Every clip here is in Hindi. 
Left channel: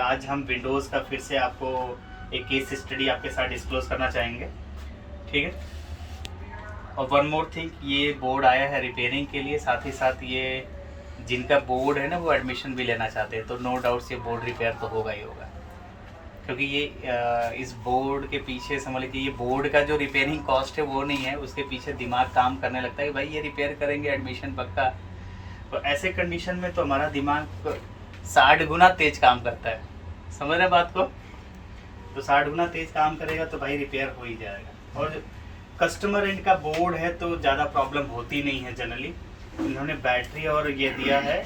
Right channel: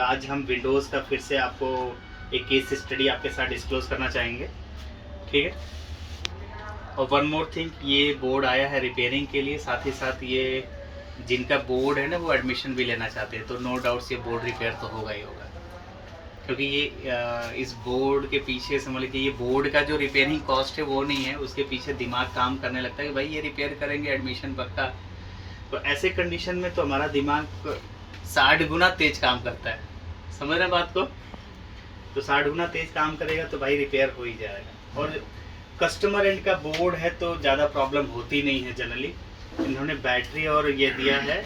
आज हम विंडोज़ का फिर से आपको एक केस स्टडी आपके साथ डिस्क्लोज करना चाहेंगे, ठीक है। और वन मोर थिंग, ये बोर्ड आया है रिपेयरिंग के लिए, साथ ही साथ ये जिनका बोर्ड है ना वो एडमिशन भी लेना चाहते हैं, तो नो डाउट्स ये बोर्ड रिपेयर तो होगा ही होगा, क्योंकि ये इस बोर्ड के पीछे समझ लीजिए ये बोर्ड का जो रिपेयरिंग कॉस्ट है वो नहीं है, उसके पीछे दिमाग काम करने लगता है कि भाई ये रिपेयर करेंगे एडमिशन पक्का। तो ऐसे कंडीशन में तो हमारा दिमाग 60 गुना तेज काम करता है, समझ रहे बात को। तो 60 गुना तेज काम करेगा तो भाई रिपेयर हो ही जाएगा। और कस्टमर एंड का बोर्ड है तो ज़्यादा प्रॉब्लम होती नहीं है जनरली। इन्होंने बैटरी और ये दिया है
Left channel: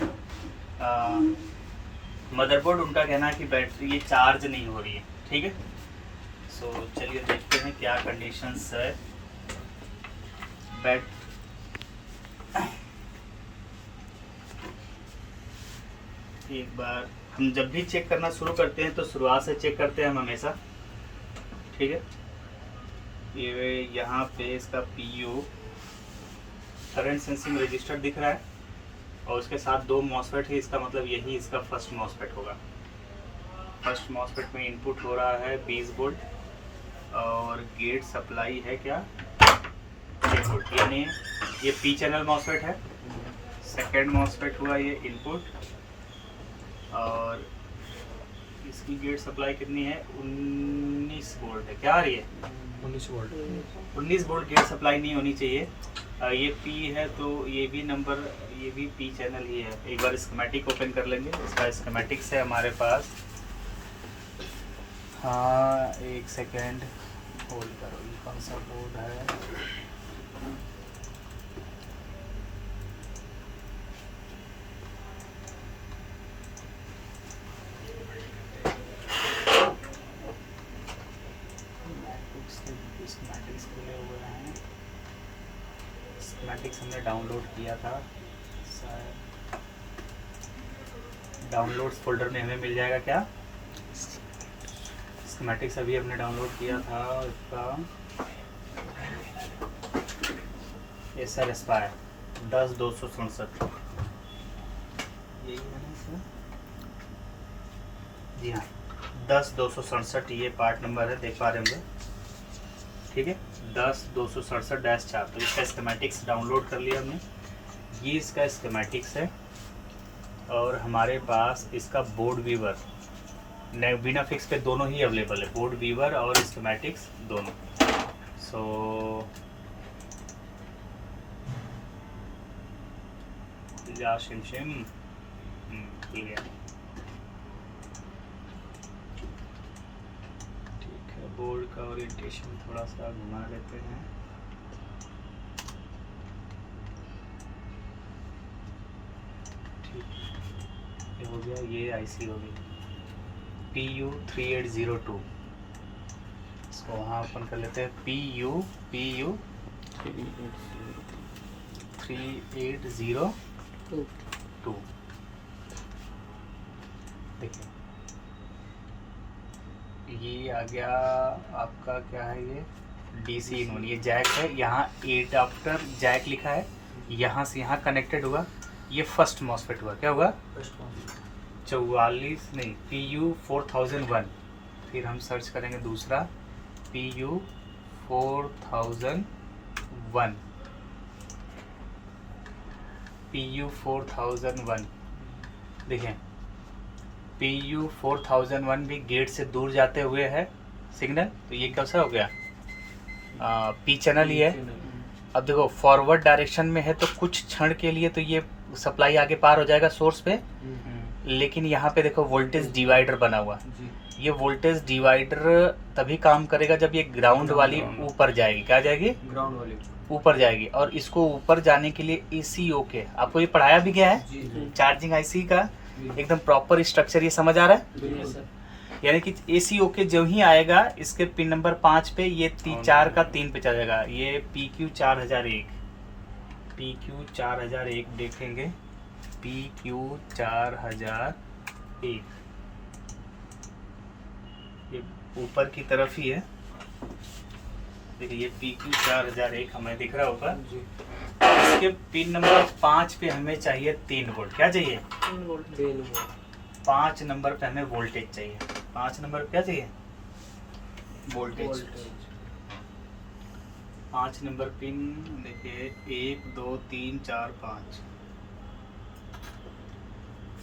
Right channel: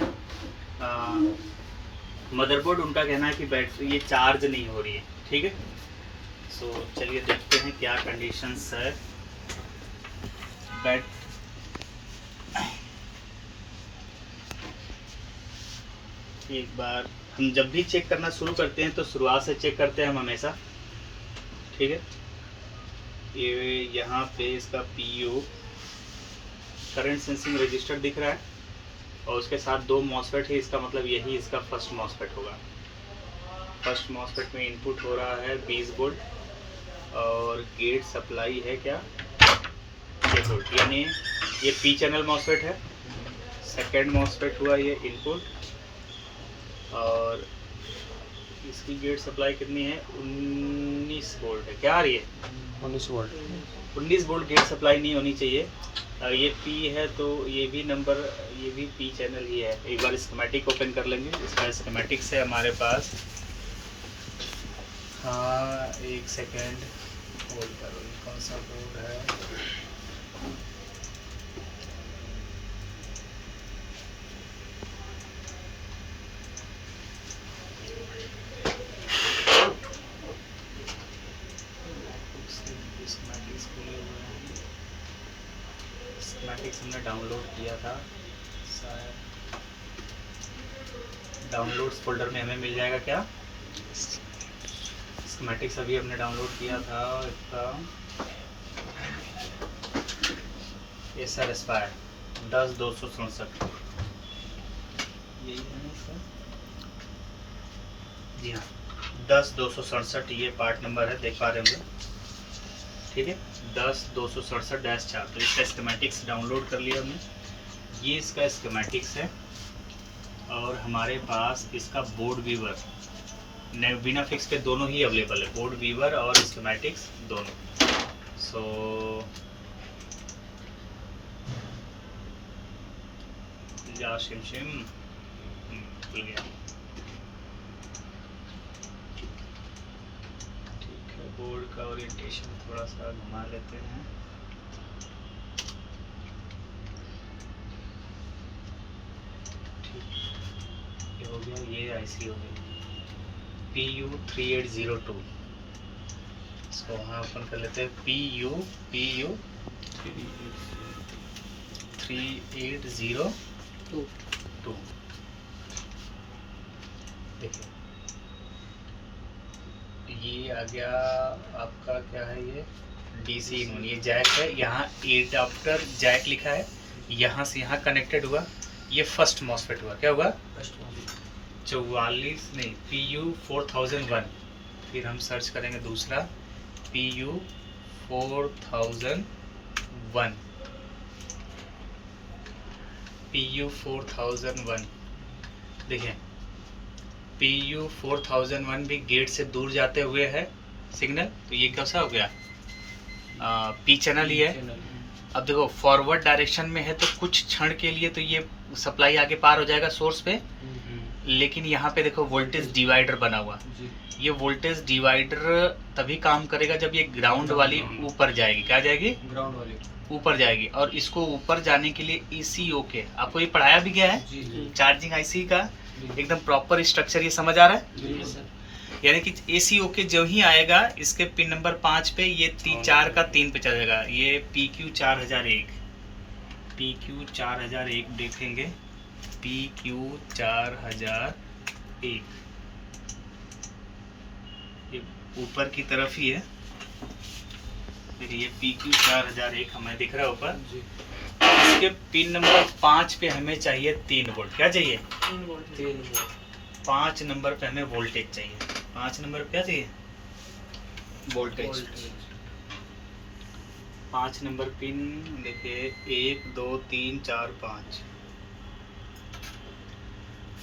मदरबोर्ड, उनका कहना है कि बैटरी ये चार्ज नहीं हो रही है, ठीक है। सो चलिए देखते हैं क्या कंडीशंस है। एक बार हम जब भी चेक करना शुरू करते हैं तो शुरुआत से चेक करते हैं हम हमेशा, ठीक है। ये यहाँ पे इसका PU करंट सेंसिंग रजिस्टर दिख रहा है और उसके साथ 2 मॉसफेट है, इसका मतलब यही इसका फर्स्ट मॉसफेट होगा। फर्स्ट मॉसफेट में इनपुट हो रहा है 20 वोल्ट और गेट सप्लाई है क्या 6 वोल्ट, यानी ये P चैनल मॉसफेट है। सेकेंड मॉसफेट हुआ ये इनपुट और इसकी गेट सप्लाई कितनी है 19 वोल्ट है, क्या आ रही है 19 वोल्ट। 19 वोल्ट गेट सप्लाई नहीं होनी चाहिए। ये P है तो ये भी नंबर, ये भी P चैनल ही है। एक बार स्कीमेटिक ओपन कर लेंगे, इसका स्कीमेटिक से हमारे पास, हाँ एक सेकेंड होल्ड करो, ये कौन सा बोर्ड है, स्कीमेटिक्स खुले हुए हैं। स्कीमेटिक्स हमने डाउनलोड किया था शायद, डाउनलोड्स फोल्डर में हमें मिल जाएगा क्या स्कीमेटिक्स, अभी हमने डाउनलोड किया था इसका एसआर एस्पायर 10-267 यही है ना इसका, जी हाँ 10-267 ये पार्ट नंबर है, देख पा रहे होंगे, ठीक है 10-267-4। तो इसका स्कीमेटिक्स डाउनलोड कर लिया हमने, ये इसका स्कीमेटिक्स है। और हमारे पास इसका बोर्ड वीवर बिना फिक्स के दोनों ही अवेलेबल है, बोर्ड वीवर और स्कीमेटिक्स दोनों। सो या शिम खुल गया, ठीक है। बोर्ड का ओरिएंटेशन थोड़ा सा घुमा लेते हैं, ठीक ये हो गया, ये IC हो गई PU 3802। इसको वहाँ ओपन कर लेते हैं, PU 3802। देखिए ये आ गया आपका, क्या है ये DC इन, ये जैक है, यहाँ एडाप्टर जैक लिखा है, यहाँ से यहाँ कनेक्टेड हुआ, ये फर्स्ट मॉसफेट हुआ, क्या हुआ 44 नहीं PU 4001। फिर हम सर्च करेंगे दूसरा PU 4001, PU 4001 देखें, PU 4001 भी गेट से दूर जाते हुए है सिग्नल, तो ये कैसा हो गया P चैनल ही है। अब देखो फॉरवर्ड डायरेक्शन में है तो कुछ क्षण के लिए तो ये सप्लाई आगे पार हो जाएगा सोर्स पे, लेकिन यहाँ पे देखो वोल्टेज डिवाइडर बना हुआ, ये वोल्टेज डिवाइडर तभी काम करेगा जब ये ग्राउंड वाली ऊपर जाएगी, क्या जाएगी ग्राउंड वाली ऊपर जाएगी। और इसको ऊपर जाने के लिए ECOK आपको ये पढ़ाया भी गया है, चार्जिंग IC का एकदम प्रॉपर स्ट्रक्चर, ये समझ आ रहा है। यानी कि ECOK जो ही आएगा इसके पिन नंबर 5 पे, ये 4 का 3 पे चलेगा, ये PQ 4001 देखेंगे, PQ 4001 ये ऊपर की तरफ ही है, देखिए ये PQ 4001 हमें दिख रहा है ऊपर। इसके पिन नंबर 5 पे हमें चाहिए 3 वोल्ट, क्या चाहिए 3 वोल्ट 5 नंबर पे हमें वोल्टेज चाहिए। 5 नंबर पे क्या चाहिए? वोल्टेज। 5 नंबर पिन देखिए 1 2 3 4 5।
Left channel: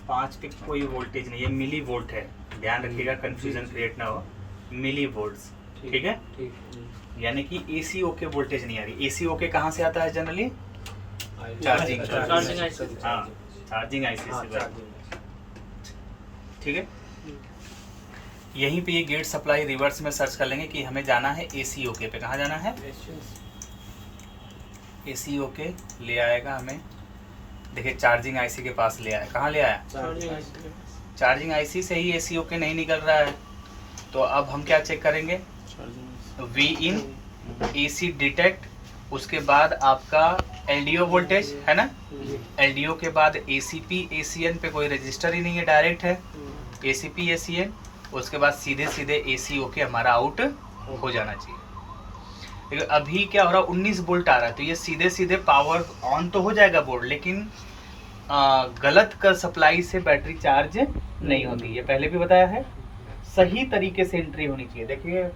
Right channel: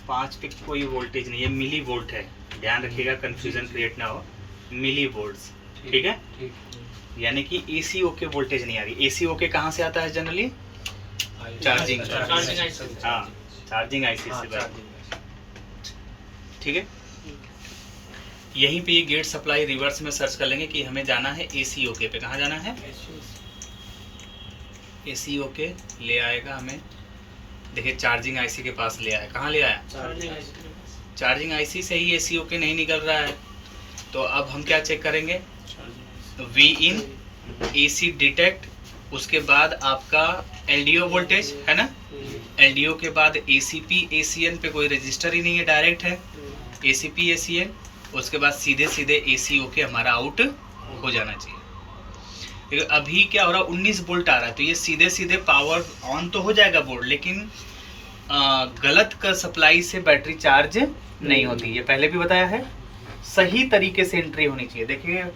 5 पे कोई वोल्टेज नहीं है, मिली वोल्ट है, ध्यान रखिएगा कंफ्यूजन क्रिएट ना हो। मिली वोल्ट्स, ठीक है। यानी कि एसी ओके वोल्टेज नहीं आ रही। एसी ओके कहाँ से आता है जनरली? चार्जिंग, हाँ चार्जिंग आईसी से भाई, ठीक है। यहीं पे ये गेट सप्लाई रिवर्स में सर्च कर लेंगे कि हमें जाना है एसी ओके पे। कहाँ जाना है? एसी ओके ले आएगा हमें, देखिए चार्जिंग आईसी के पास ले आया। कहाँ ले आया? चार्जिंग आईसी से ही एसी ओके नहीं निकल रहा है, तो अब हम क्या चेक करेंगे? वी इन, एसी डिटेक्ट, उसके बाद आपका एलडीओ वोल्टेज है ना, एलडीओ के बाद एसीपी एसीएन पे कोई रजिस्टर ही नहीं है, डायरेक्ट है एसीपी एसीएन, उसके बाद सीधे सीधे एसी ओके हमारा आउट हो जाना चाहिए। लेकिन अभी क्या हो रहा है? 19 वोल्ट आ रहा है, तो ये सीधे सीधे पावर ऑन तो हो जाएगा बोर्ड, लेकिन गलत का सप्लाई से बैटरी चार्ज नहीं होती। ये पहले भी बताया है, सही तरीके से एंट्री होनी चाहिए। देखिए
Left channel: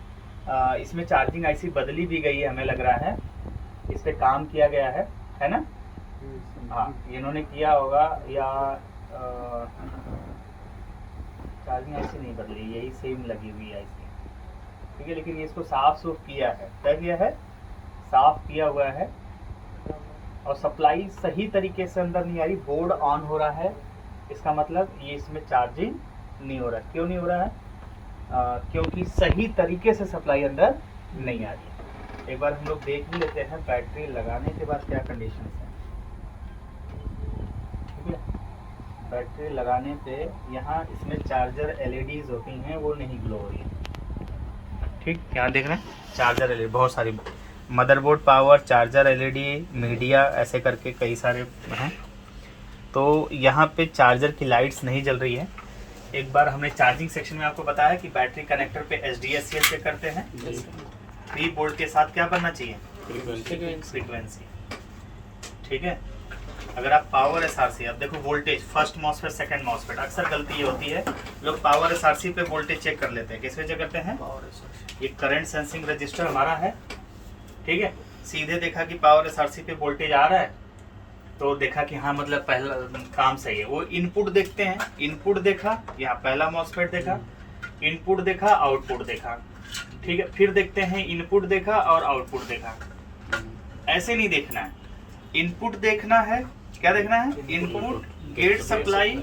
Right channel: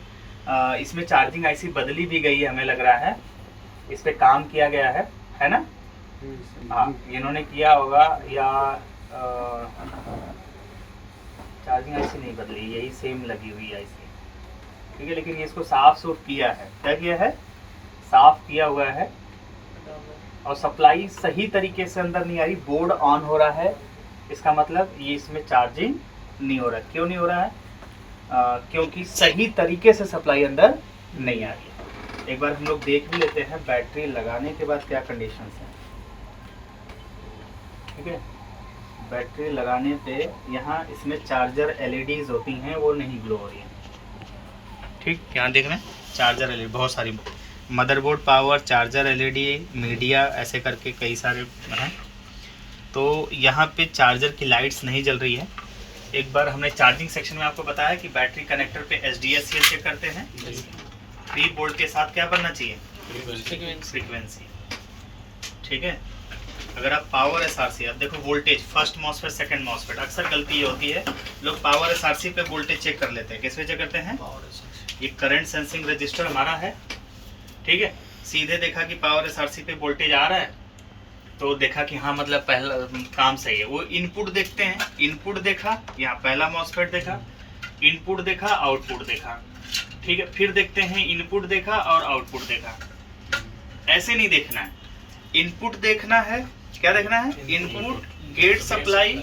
इसमें चार्जिंग आईसी बदली भी गई है, हमें लग रहा है इस पे काम किया गया है ना? हाँ इन्होंने किया होगा, या चार्जिंग आईसी नहीं बदली, यही सेम लगी हुई आईसी, ठीक है। लेकिन ये इसको साफ सूफ किया है, क्या किया है? साफ किया हुआ है, और सप्लाई सही तरीके से अंदर नहीं आ रही, बोर्ड ऑन हो रहा है, इसका मतलब ये इसमें चार्जिंग नहीं हो रहा है। क्यों नहीं हो रहा है? क्योंकि सही तरीके से सप्लाई अंदर नहीं आ रही है। एक बार हम लोग देख भी लेते हैं बैटरी लगाने के बाद क्या कंडीशन है, ठीक है। बैटरी लगाने पे यहाँ इसमें चार्जर एलईडीज होती हैं, वो नहीं ग्लो हो रही है, ठीक। यहाँ देख रहे हैं चार्जर एलईडी, बहुत सारी motherboard power charger LED media ऐसे करके कई सारे हैं, तो यहाँ पे चार्जर की लाइट्स नहीं जल रही है। एक बार हमने चार्जिंग सेक्शन में आपको बताया कि बैटरी कनेक्टर पे एचडीएससीएल चेक करते हैं, 3 वोल्ट के साथ क्या बनना चाहिए? फ्रीक्वेंसी, ठीक है। अगर आप पावर एसआरसी, अब देखो voltage first MOSFET second MOSFET, अक्सर गलती ये होती है लोग पावर एसआरसी पे वोल्टेज चेक कर लेते हैं। किस पे चेक करते हैं? ये करंट सेंसिंग रजिस्टर हमारा है, ठीक है। सीधे देखा कि पावर एसआरसी पे वोल्टेज आ रहा है, तो देखा कि हाँ मतलब पहला काम सही है। वो इनपुट देखते हैं, इनपुट देखा, यहाँ पहला मॉसफेट देखा, इनपुट देखा, आउटपुट देखा, ठीक है। फिर देखते हैं इनपुट देखा और आउटपुट देखा। ऐसे नहीं देखना है, इनपुट देखना है, क्या देखना है? इनपुट गेट सप्लाई,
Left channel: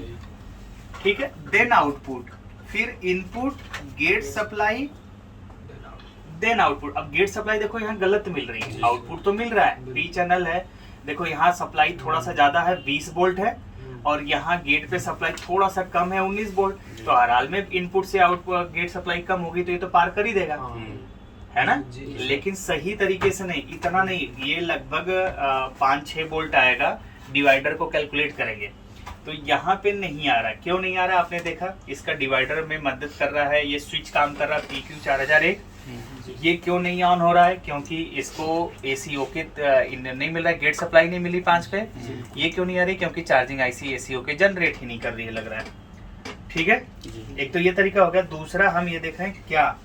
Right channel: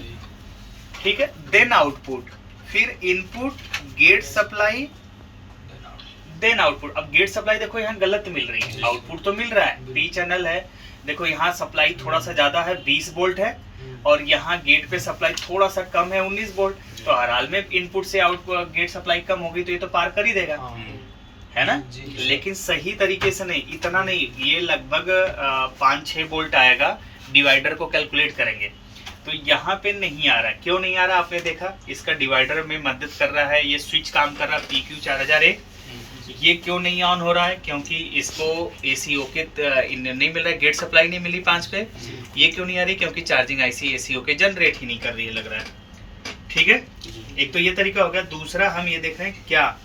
ठीक है, देन आउटपुट, फिर input gate supply then output. अब गेट सप्लाई देखो यहाँ गलत मिल रही है, आउटपुट तो मिल रहा है, पी चैनल है, देखो यहाँ सप्लाई थोड़ा सा ज्यादा है 20 वोल्ट है, और यहाँ गेट पे सप्लाई थोड़ा सा कम है 19 वोल्ट, तो हर हाल में इनपुट से आउटपुट गेट सप्लाई कम होगी तो ये तो पार कर ही देगा, है ना। लेकिन सही तरीके से नहीं, इतना नहीं, ये लगभग 5-6 वोल्ट आएगा। डिवाइडर को कैलकुलेट करेंगे तो यहाँ पे नहीं आ रहा। क्यों नहीं आ रहा? आपने देखा इसका डिवाइडर में मदद कर रहा है, ये स्विच काम कर रहा है PQ 4001, ये क्यों नहीं ऑन हो रहा है? क्योंकि इसको एसी ओके नहीं मिल रहा है, गेट सप्लाई नहीं मिली 5 पे। ये क्यों नहीं आ रही? क्योंकि charging IC AC okay generate ही नहीं कर रही है, लग रहा है, ठीक है। एक तो ये तरीका हो गया। दूसरा हम ये देखें क्या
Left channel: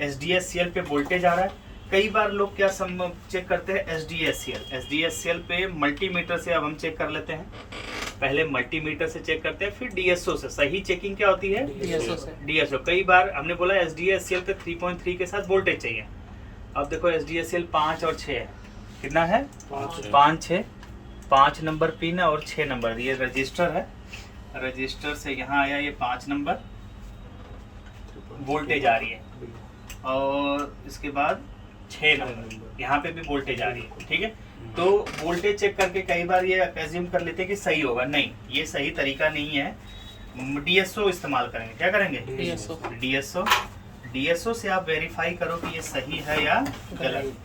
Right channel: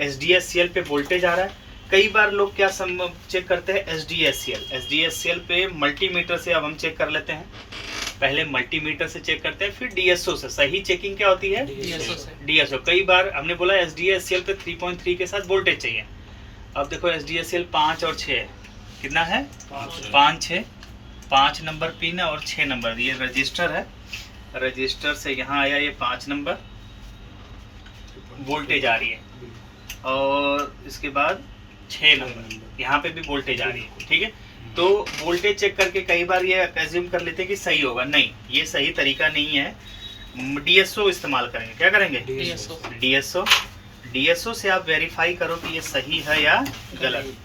एसडीएससीएल पे वोल्टेज आ रहा है। कई बार लोग क्या चेक करते हैं? एसडीएससीएल पे मल्टीमीटर से अब हम चेक कर लेते हैं। पहले मल्टीमीटर से चेक करते हैं, फिर डीएसओ से। सही चेकिंग क्या होती है? डीएसओ। कई बार हमने बोला एसडीएससीएल पे 3.3 के साथ वोल्टेज चाहिए। अब देखो एसडीएससीएल 5 और 6 कितना है? 5 6, 5 नंबर पिन है और 6 नंबर। ये रजिस्टर है, रजिस्टर से यहाँ आया ये 5 नंबर, वोल्टेज आ रही है, और इसके बाद 6 नंबर यहाँ पे भी वोल्टेज आ रही है, ठीक है। तो वोल्टेज चेक करके कई बार ये अज्यूम कर लेते हैं कि सही होगा, नहीं, ये सही तरीका नहीं है। डीएसओ इस्तेमाल करेंगे। क्या करेंगे? डीएसओ से आप वेरीफाई करो कि ये सही है या गलत।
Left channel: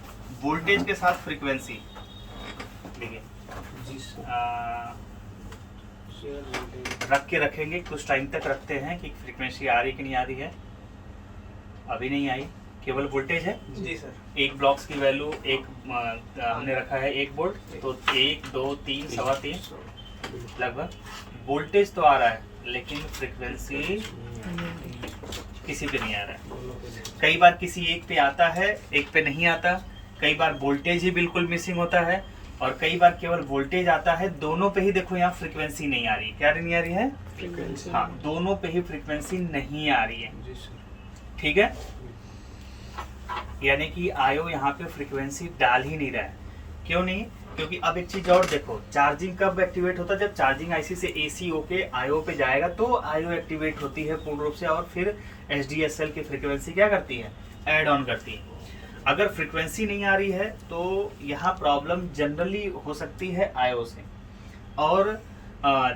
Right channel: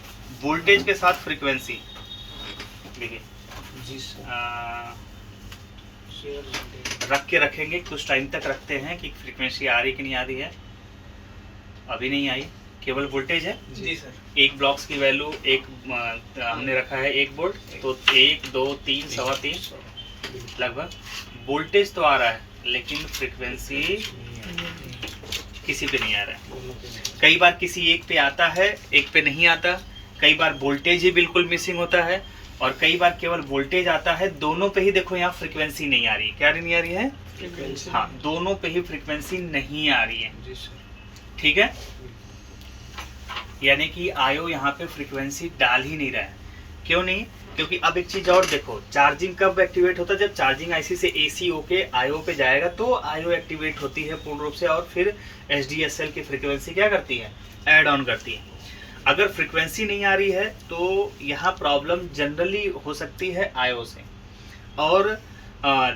वोल्टेज के साथ फ्रीक्वेंसी देखिए रख के रखेंगे, कुछ टाइम तक रखते हैं कि फ्रीक्वेंसी आ रही कि नहीं आ रही है। अभी नहीं आई, केवल वोल्टेज है जी सर। एक ब्लॉक्स की वैल्यू हमने रखा है 1 वोल्ट, तो 1 2 3 सवा 3 लगभग। वोल्टेज तो आ रहा है लेकिन फ्रीक्वेंसी किसी पे नहीं आ रहा है। कई बार किसी एक पे आता है, एक पे नहीं आता, कई बार वोल्टेज ही बिल्कुल मिसिंग होता है, और कई बार केवल वोल्टेज आता है। दोनों पे ही देखो यहाँ फ्रीक्वेंसी नहीं आ रही है। क्या नहीं आ रही है? फ्रीक्वेंसी। हाँ, दोनों पे ही फ्रीक्वेंसी नहीं आ रही है। ठीक है, यानी कि आयो यहाँ पे फ्रीक्वेंसी डाल ही नहीं रहा है। क्यों नहीं? क्योंकि अब एक चीज और देखो, चार्जिंग कब एक्टिवेट होता है? जब चार्जिंग आईसी से एसी होके आईओ पे जाएगा तो आईओ एक्टिवेट होती है पूर्ण रूप से, और फिर एचडीएसएल की फ्रीक्वेंसी क्या करती है? ऐड ऑन करती है। अगर फ्रीक्वेंसी नहीं आ रही है तो यहाँ प्रॉब्लम जनरली हो सकती है आईओ से, और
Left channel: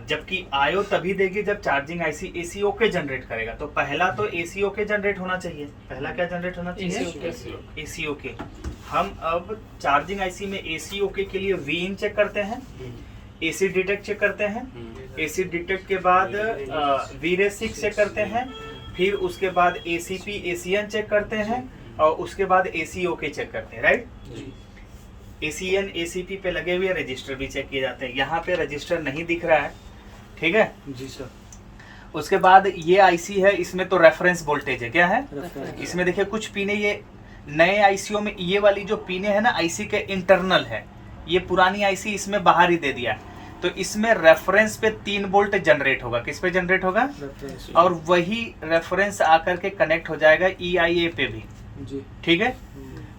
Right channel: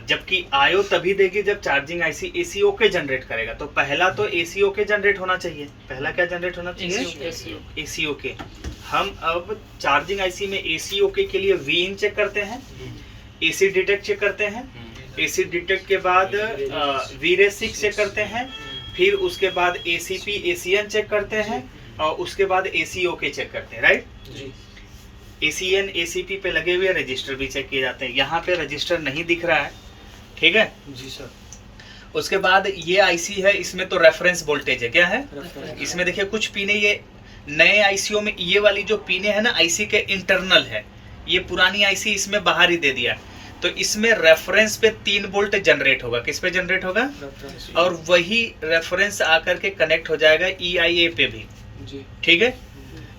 जबकि आईओ तभी देगी जब charging IC AC okay generate करेगा। तो पहला तो एसी ओके जनरेट होना चाहिए। पहला क्या जनरेट होना चाहिए? AC okay. हम अब चार्जिंग आईसी में एसी ओके के लिए वी इन चेक करते हैं, एसी डिटेक्ट चेक करते हैं, एसी डिटेक्ट के बाद वी रे 6 चेक करते हैं, फिर उसके बाद एसीपी एसीएन चेक करते हैं, और उसके बाद एसी ओके चेक करते हैं। राइट? एसीएन एसीपी पे लगे हुए रजिस्टर भी चेक किए जाते हैं। यहाँ पे रजिस्टर नहीं दिख रहा है, ठीक है जी सर। उसके बाद ये आईसी है, इसमें तो रेफरेंस वोल्टेज है। क्या है? इसमें देखिए कुछ पिने, ये नए आईसीओ में ये वाली जो पिने है ना आईसी के इंटरनल है, ये पुरानी आईसी इसमें बाहर ही दे दिया। तो इसमें रेफरेंस पे 3 वोल्ट जनरेट होगा। किस पे जनरेट होगा? और वही रेफरेंस आकर के कनेक्ट हो जाएगा EIA पे भी। ठीक है,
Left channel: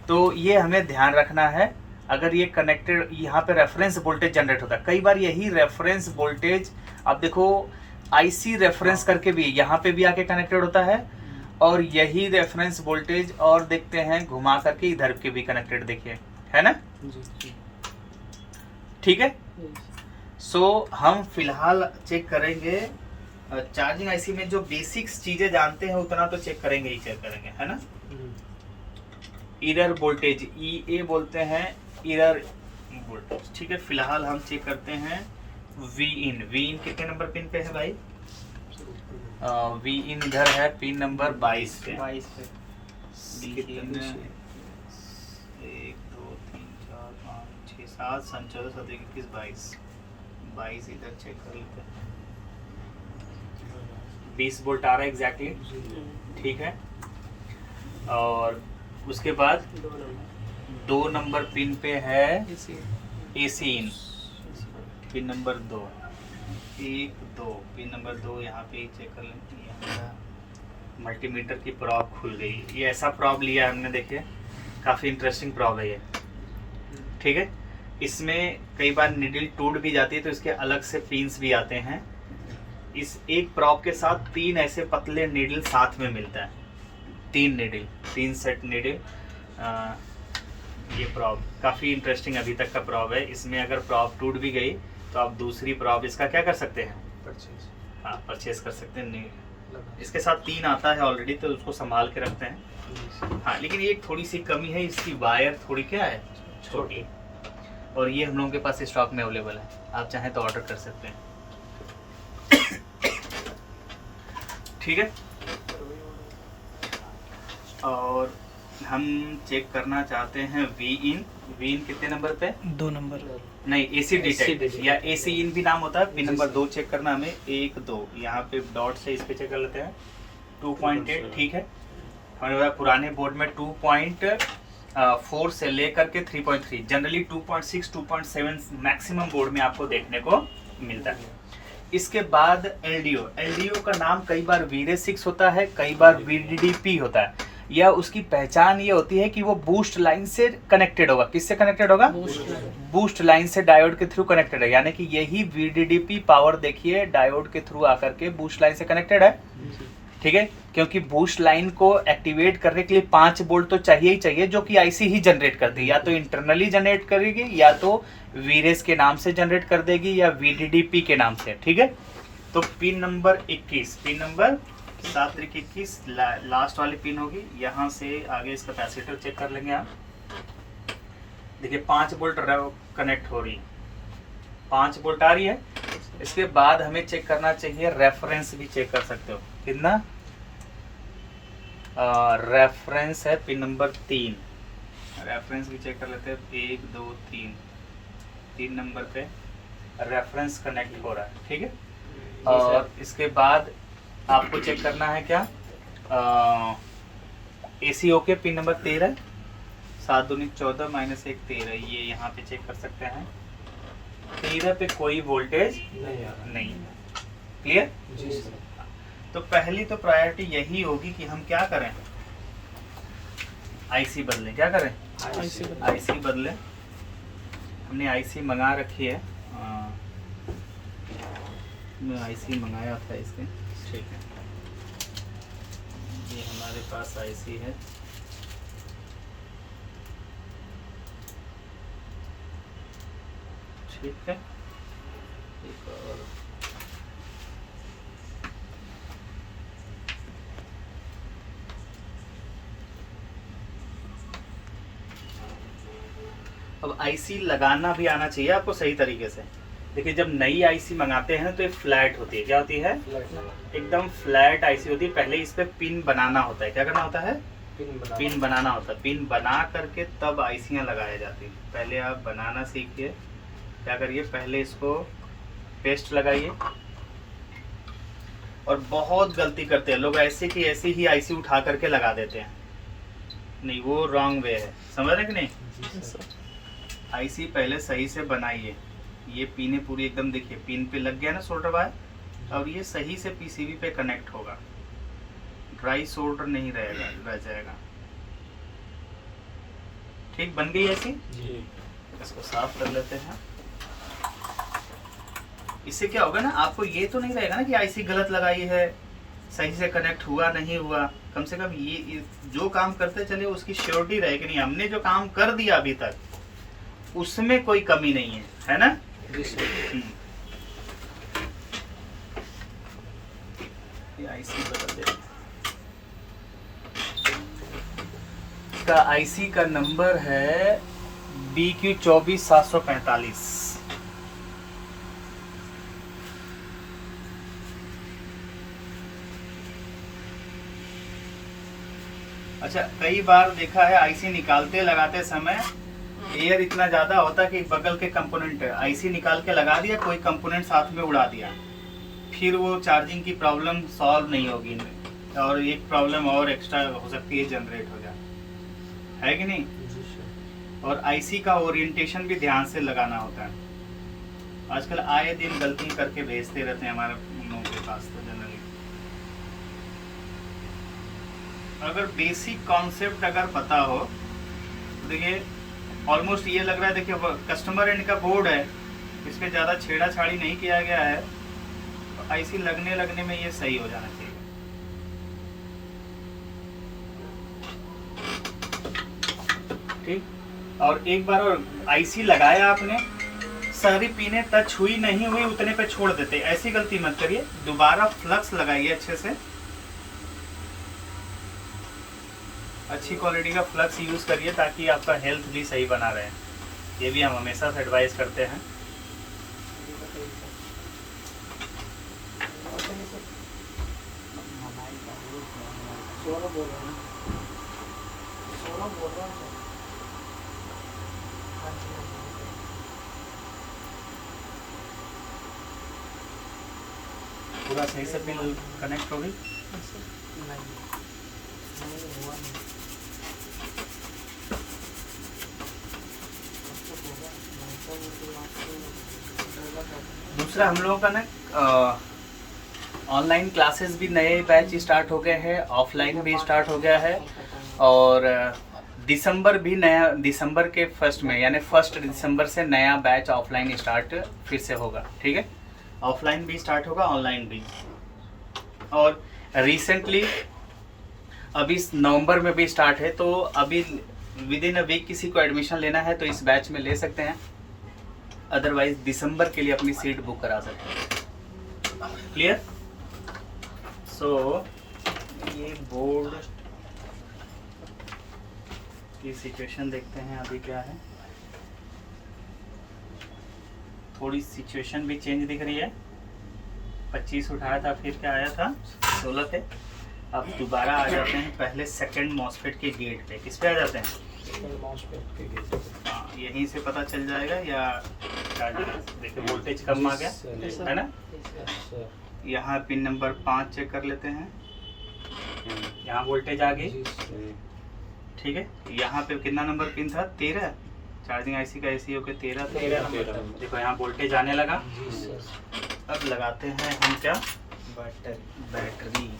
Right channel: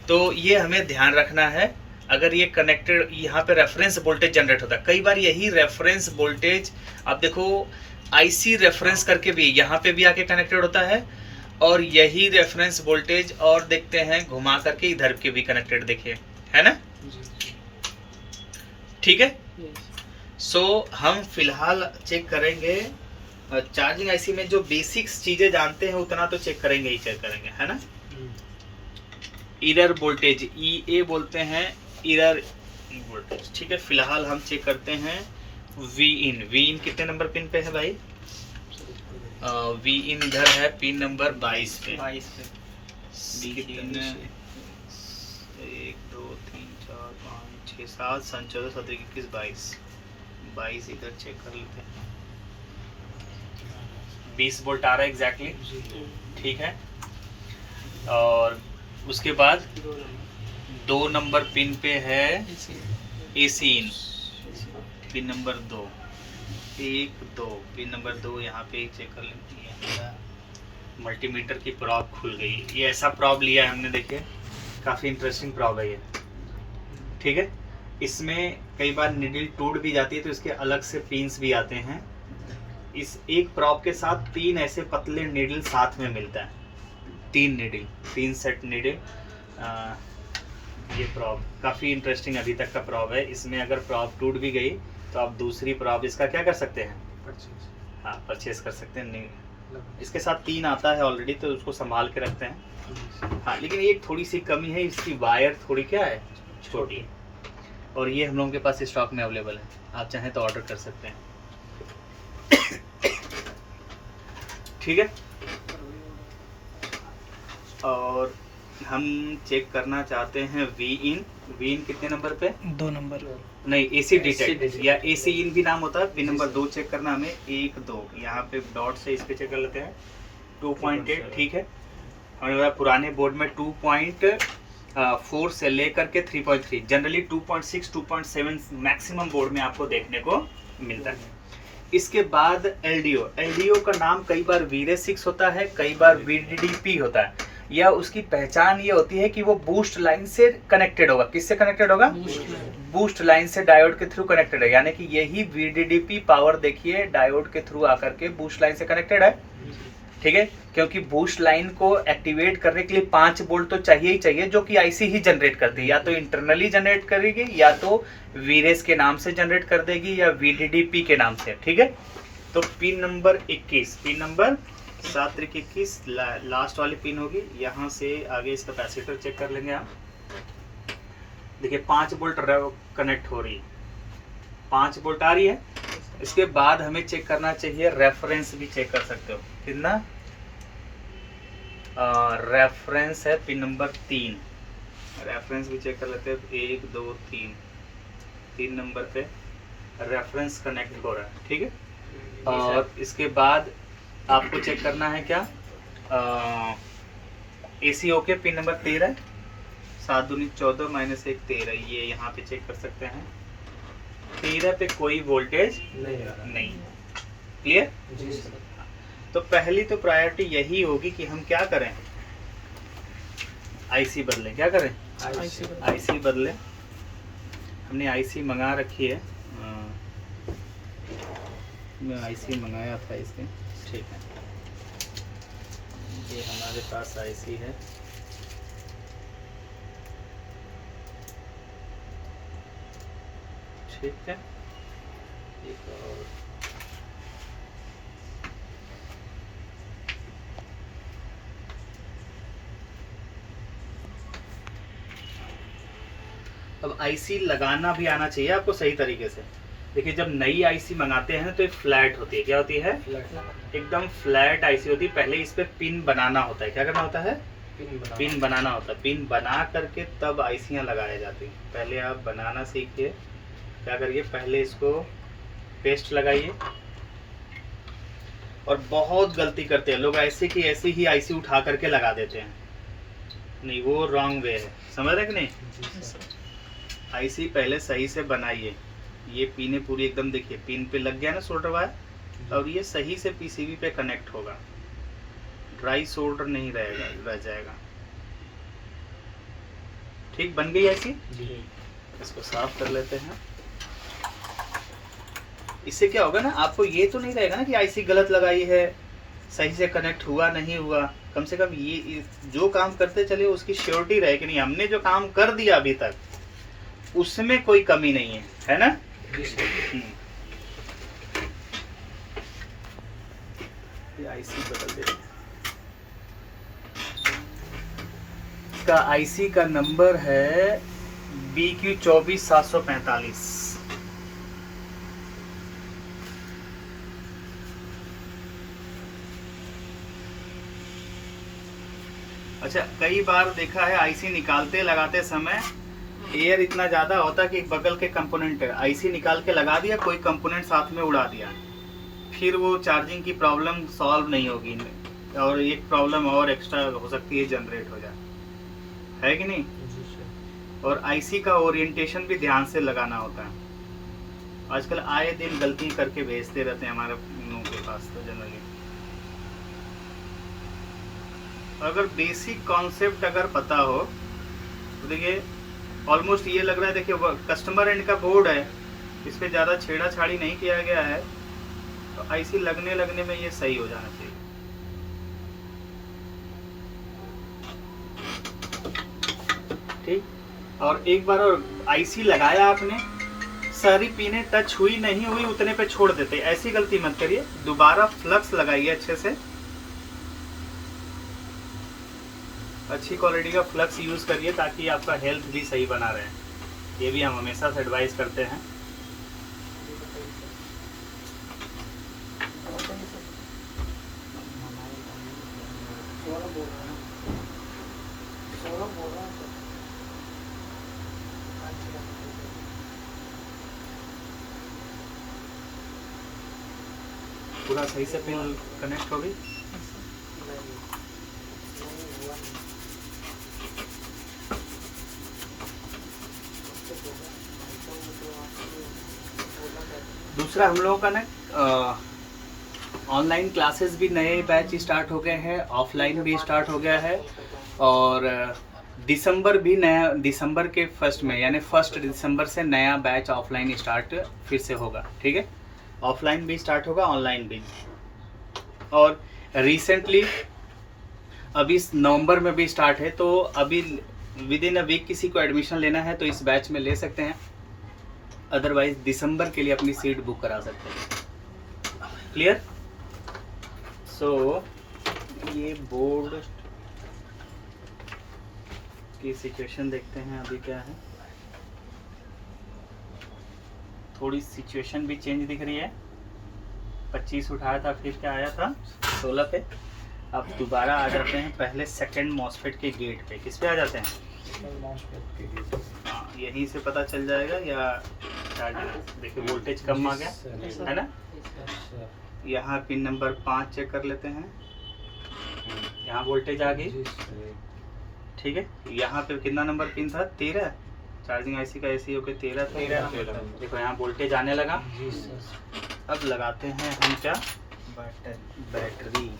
तो ये हमें ध्यान रखना है। अगर ये कनेक्टेड, यहाँ पे रेफरेंस वोल्टेज जनरेट होता है, कई बार यही रेफरेंस वोल्टेज, आप देखो आईसी रेफरेंस करके भी यहाँ पे भी आके कनेक्टेड होता है, और यही रेफरेंस वोल्टेज और देखते हैं घुमा करके इधर के भी कनेक्टेड, देखिए, है ना? ठीक है, सो हम फिलहाल चेक करेंगे चार्जिंग आईसी में जो बेसिक्स चीजें जानते हैं उतना तो चेक करेंगे ही चेक करेंगे, है ना? इरर वोल्टेज EA बोलते हैं, इरर वोल्टेज। ठीक है, फिलहाल हम चेक करते हैं वी इन कितने नंबर पिन पे है भाई? वी इन इधर है पिन नंबर 22 पे। 1 2 3 4 5 6 7 14 17 21 22 इधर चेक कर लेते हैं। 20 वोल्ट आ रहा है एग्जैक्टली। ठीक है, और उसके बाद 2 नंबर पिन पे है एसी इन, पिन नंबर 2 1 2 पिन नंबर 2 यहाँ पे चेक कर लेते हैं। हमारा मल्टीमीटर की प्रॉब खुल गई। ये ऐसा प्रॉब लिया है हमने, देखे काफ़ी इंटरेस्टिंग प्रॉब है ये। ठीक है, इसमें कई बार निडल टूट भी जाती है तो इसके अलग से पिन्स भी आते हैं। इस एक प्रॉब के साथ 3 ऐसे पतले नीडल साथ में मिलता है, 3 सेट नीडल। ये प्रॉब काफ़ी इंटरेस्टिंग अभी तक का प्रॉब है। इसमें अगर प्रॉब टूट भी गई तो आप दूसरी प्रॉब इसका क्या कर सकते हैं? परचेज कर सकते हैं। नहीं, इसके साथ 3 आता है ऑलरेडी, तो उसको संभाल के रखते हैं। हाँ, लेकिन एक थोड़ी सी कमी है, इसकी वायर थोड़ी क्या है, छोटी है, और ये हम लोगों के पास स्टॉक में अवेलेबल है, आप चाहें तो ऑर्डर कर सकते हैं। ठीक है, और हम चेक करना चाहते हैं वी इन कितने नंबर पे? 2 नंबर। नहीं, एसी डिटेक्ट या एसी इन भी नाम होता है। पिन नंबर 2 चेक करना हमें, 1 2 यहाँ पे डॉट से इस पे चेक कर लेते हैं। 2.8 ठीक है, हमारे पुराने बोर्ड में 2.4 से लेकर के 3.3, जनरली 2.6 2.7 मैक्सिमम बोर्ड में आपको देखने को मिलता है। इसके बाद एलडीओ का नाम कई बार वीरे 6 होता है, कई बार VDDP होता है। यह उसकी पहचान ये होती है कि वो बूस्ट लाइन से कनेक्टेड होगा। किससे कनेक्टेड होगा? बूस्ट लाइन से डायोड के थ्रू कनेक्टेड है, यानी कि यही VDDP पावर देखिए डायोड के थ्रू आकर के बूस्ट लाइन से कनेक्टेड है। ठीक है, क्योंकि बूस्ट लाइन को एक्टिवेट करने के लिए 5 वोल्ट तो चाहिए ही चाहिए, जो कि आईसी ही जनरेट करती है। या तो इंटरनली जनरेट करेगी, या तो वीरेस के नाम से जनरेट कर देगी, या VDDP के नाम से। ठीक है, तो pin number 21, pin number 7 3 21 last वाली पिन होगी। यहाँ से आगे इसका कैपेसिटर चेक कर लेंगे आप। देखिए 5 वोल्ट कनेक्ट हो रही है, 5 वोल्ट आ रही है। इसके बाद हमें चेक करना चाहिए, रेफरेंस भी चेक कर सकते हो। कितना रेफरेंस है? पिन नंबर 3, रेफरेंस भी चेक कर लेते हैं। 1 2 3 नंबर पे रेफरेंस कनेक्ट हो रहा है। ठीक है, और इसके बाद आपको चेक करना है क्या, AC ओके, पिन नंबर 13, 7 दूनी 14 -1 13, ये यहाँ पे चेक कर सकते हैं। 13 पे कोई वोल्टेज नहीं। क्लियर? तो पहली तो प्रायोरिटी यही होगी कि हम क्या करें, आईसी बदलें। क्या करें? आईसी बदलें। हमने आईसी मंगा रखी है, मैं आईसी मंगाया था इसके। ठीक है, ये हमारे पास आईसी है। ठीक है, एक और अब आईसी लगाना भी आना चाहिए आपको सही तरीके से। देखिए, जब नई आईसी मंगाते हैं तो ये फ्लैट होती है। क्या होती है? एकदम फ्लैट आईसी होती है। पहले इस पे पिन बनाना होता है। क्या करना होता है? पिन बनाना होता है। पिन बना करके तब आईसियां लगाया जाती है। पहले आप बनाना सीखिए। क्या करिए, पहले इसको पेस्ट लगाइए। और बहुत गलती करते हैं लोग, ऐसे की ऐसी ही आईसी उठा करके लगा देते हैं। नहीं, वो रॉन्ग वे है। समझ रहे कि नहीं? आईसी पहले सही से बनाइए। ये पिने पूरी एकदम, देखिए पिन पे लग गया ना सोल्डर वायर, और ये सही से पीसीबी पे कनेक्ट होगा। ड्राई सोल्डर नहीं रहेगा, रह जाएगा। ठीक, बन गई आईसी जी। इसको साफ कर लेते हैं। इससे क्या होगा ना, आपको ये तो नहीं रहेगा ना कि आईसी गलत लगाई है, सही से कनेक्ट हुआ नहीं हुआ। कम से कम ये जो काम करते चले उसकी श्योरिटी रहे कि नहीं, हमने जो काम कर दिया अभी तक उसमें कोई कमी नहीं है ना? ये आईसी बदल देते हैं। इसका आईसी का नंबर है BQ 24745। अच्छा, कई बार देखा है आईसी निकालते लगाते समय एयर इतना ज़्यादा होता है कि बगल के कंपोनेंट आईसी निकाल के लगा दिया, कोई कंपोनेंट साथ में उड़ा दिया, फिर वो चार्जिंग की प्रॉब्लम सॉल्व नहीं होगी, और एक प्रॉब्लम और एक्स्ट्रा हो सकती है, जनरेट हो जाए, है कि नहीं? और आईसी का ओरिएंटेशन भी ध्यान से लगाना होता है। आजकल आए दिन गलती करके भेजते रहते हैं हमारे लोगों के पास तो जनरली। अगर बेसिक कॉन्सेप्ट अगर पता हो तो देखिए, ऑलमोस्ट ये लग रहा है, देखिए कस्टमर एंड का बोर्ड है, इस पर ज़्यादा छेड़ा छाड़ी नहीं किया गया है, तो आईसी लगने में ये सही हो जाना चाहिए। ठीक, और एक बार और आईसी लगाया आपने, सारी पिनें टच हुई नहीं हुई उतने पे छोड़ देते, ऐसी गलती मत करिए। दोबारा फ्लक्स लगाइए अच्छे से, अच्छी क्वालिटी का फ्लक्स यूज़ करिए ताकि आपका हेल्थ भी सही बना रहे। ये भी हम हमेशा से एडवाइस करते हैं। पूरा सही से पिन कनेक्ट हो गई। दूसरा, हम लोगों का ना ऑनलाइन क्लासेस भी नए बैच स्टार्ट हो गए हैं, ऑफलाइन भी स्टार्ट हो गया है, और दिसंबर भी नया, दिसंबर के फर्स्ट में यानी 1 दिसंबर से नया बैच ऑफलाइन स्टार्ट फिर से होगा। ठीक है, ऑफलाइन भी स्टार्ट होगा, ऑनलाइन भी। और रिसेंटली अभी नवंबर में भी स्टार्ट है, तो अभी विद इन अ वीक किसी को एडमिशन लेना है तो इस बैच में ले सकते हैं, अदरवाइज दिसंबर के लिए अपनी सीट बुक करा सकते हैं। क्लियर? सो ये बोर्ड की सिचुएशन देखते हैं अभी क्या है। थोड़ी सिचुएशन भी चेंज दिख रही है। 25 उठाया था, फिर क्या आया था 16 पे। अब दोबारा आ जाते हैं पहले सेकंड मॉसफेट के गेट पे। किस पे आ जाते हैं? हाँ, यहीं से पता चल जाएगा या देखिए वोल्टेज कम आ गया है ना। यहाँ पिन नंबर 5 चेक कर लेते हैं। यहाँ वोल्टेज आ गई, ठीक है। यहाँ पे कितना नंबर पिन था? 13। चार्जिंग आईसी का ऐसी हो के 13 था। देखो यहाँ वोल्टेज आने लगा। अब लगाते हैं हम क्या? बैटरी।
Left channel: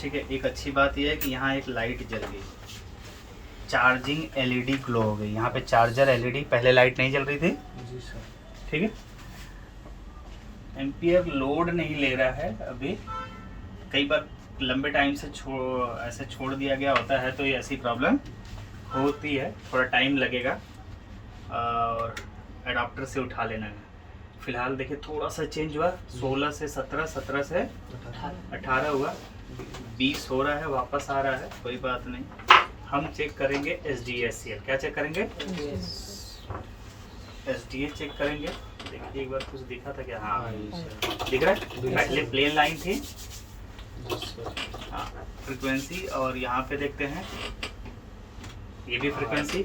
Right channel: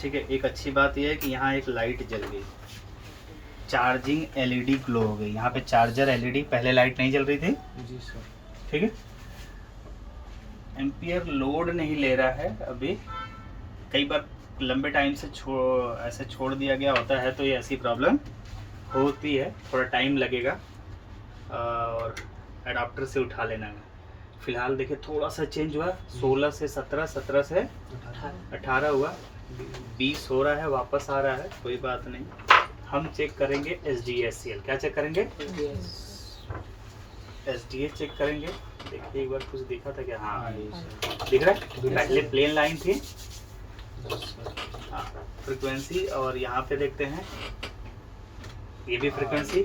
ठीक है। एक अच्छी बात यह है कि यहाँ एक लाइट जल गई, चार्जिंग एलईडी ग्लो हो गई। यहाँ पे चार्जर एलईडी, पहले लाइट नहीं जल रही थी। जी सर। ठीक है। एम्पियर लोड नहीं ले रहा है अभी। कई बार लंबे टाइम से ऐसे छोड़ दिया गया होता है तो ये ऐसी प्रॉब्लम होती है, थोड़ा टाइम लगेगा और एडाप्टर से उठा लेना है। फिलहाल देखिए थोड़ा सा चेंज हुआ, 16 से 17, 17 से 18 हुआ, 20 हो रहा है, वापस आ रहा है, कोई बात नहीं। हम चेक करेंगे SDACL। क्या चेक करेंगे? SDA चेक करेंगे। देखिए एक बार कुछ दिखा था क्या? हाँ दिख रहा है। पहले प्लेन लाइन थी, हाँ फ्रीक्वेंसी, और यहाँ पे देखते हैं ये भी फ्रीक्वेंसी।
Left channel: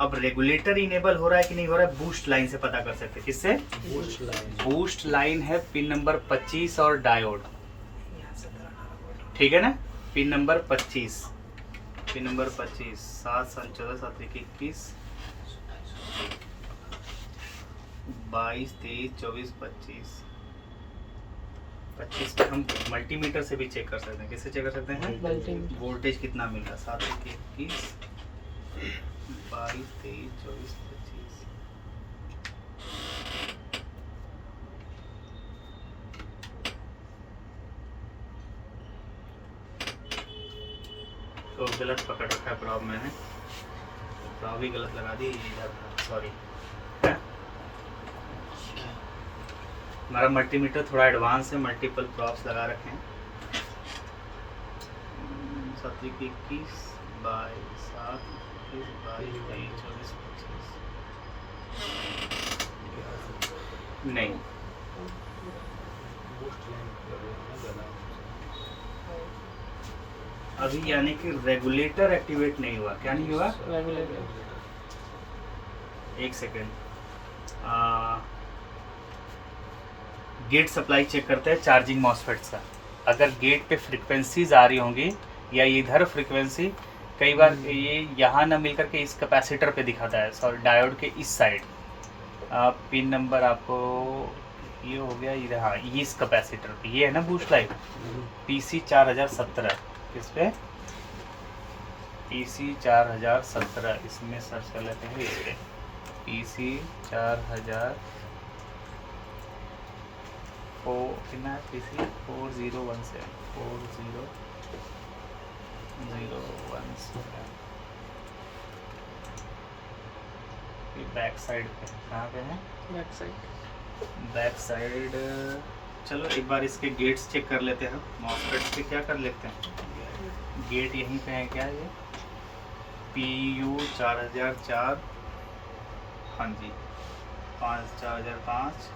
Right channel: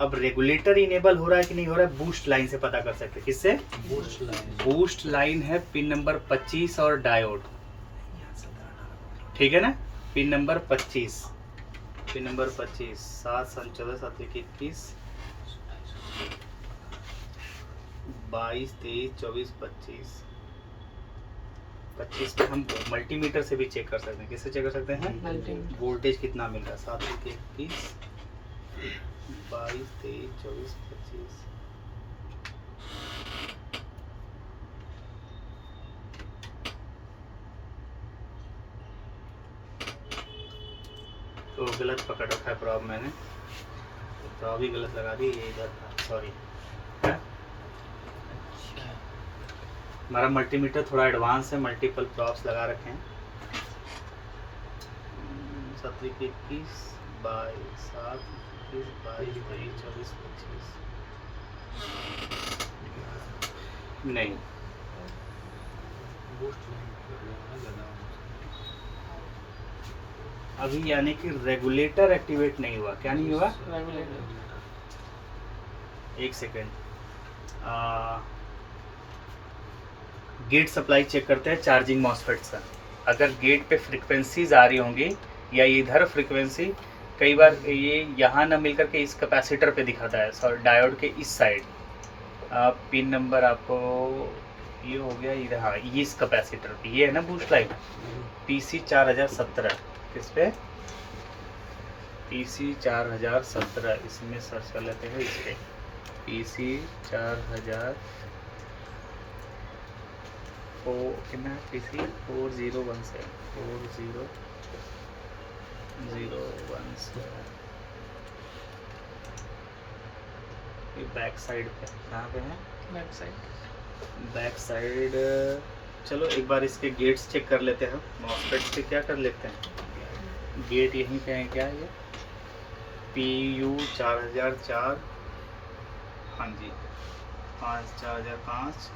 अब रेगुलेटर इनेबल हो रहा है कि नहीं हो रहा है, बूस्ट लाइन से पता कर सकते हैं। किससे? बूस्ट लाइन है पिन नंबर 25 और डायोड, ठीक है ना। पिन नंबर 25, पिन नंबर 25, 7 सन 14 7 1 21 22 23 24 25 25 पे हम मल्टीमीटर से भी चेक कर सकते हैं। किससे चेक कर सकते हैं? वोल्टेज कितना मिल रहा है? 7 1 21 22 23 24 25। तो गलत पकड़ रखा है प्रॉब, मैंने प्रॉब ही गलत लगा दी, ये इधर था, सॉरी। हमारा मल्टीमीटर थोड़ा एडवांस है, मल्टीपल प्रॉप्स लगा रखे हैं। 7 21 22 7 21 22 23 24 25 नहीं, अभी यानी कि रेगुलेटर एक्टिवेट नहीं हुआ। क्या नहीं हुआ? एक सेकेंड, गेट सप्लाई चेक करते हैं चार्जिंग मॉसफेट से। अगर गेट पे फ्रीक्वेंसीज आ रही होंगी या इधर फ्रीक्वेंसी, कई बार ये यहाँ ना मिल करके इस कैपेसिटर पे दिखाता है, सॉरी डायोड के इस साइड। पिन नंबर आपको ये हो गया, ये हाँ ये इस कैपेसिटर पे, ये है ना बूस्ट लाइट PC 4017। किस पे? PC 4017, इसमें सर्च कर लेते हैं। इस पे PC 4000 कितना है? PC 4017 40017। ये बैक साइड पे कहाँ पे है? Back side. चलो एक बार इसके गेट्स चेक कर लेते हैं। मॉसफेट्स पे क्या कर लेते हैं, गेट यहीं पे है क्या? ये PU 4004, हाँ जी 4005।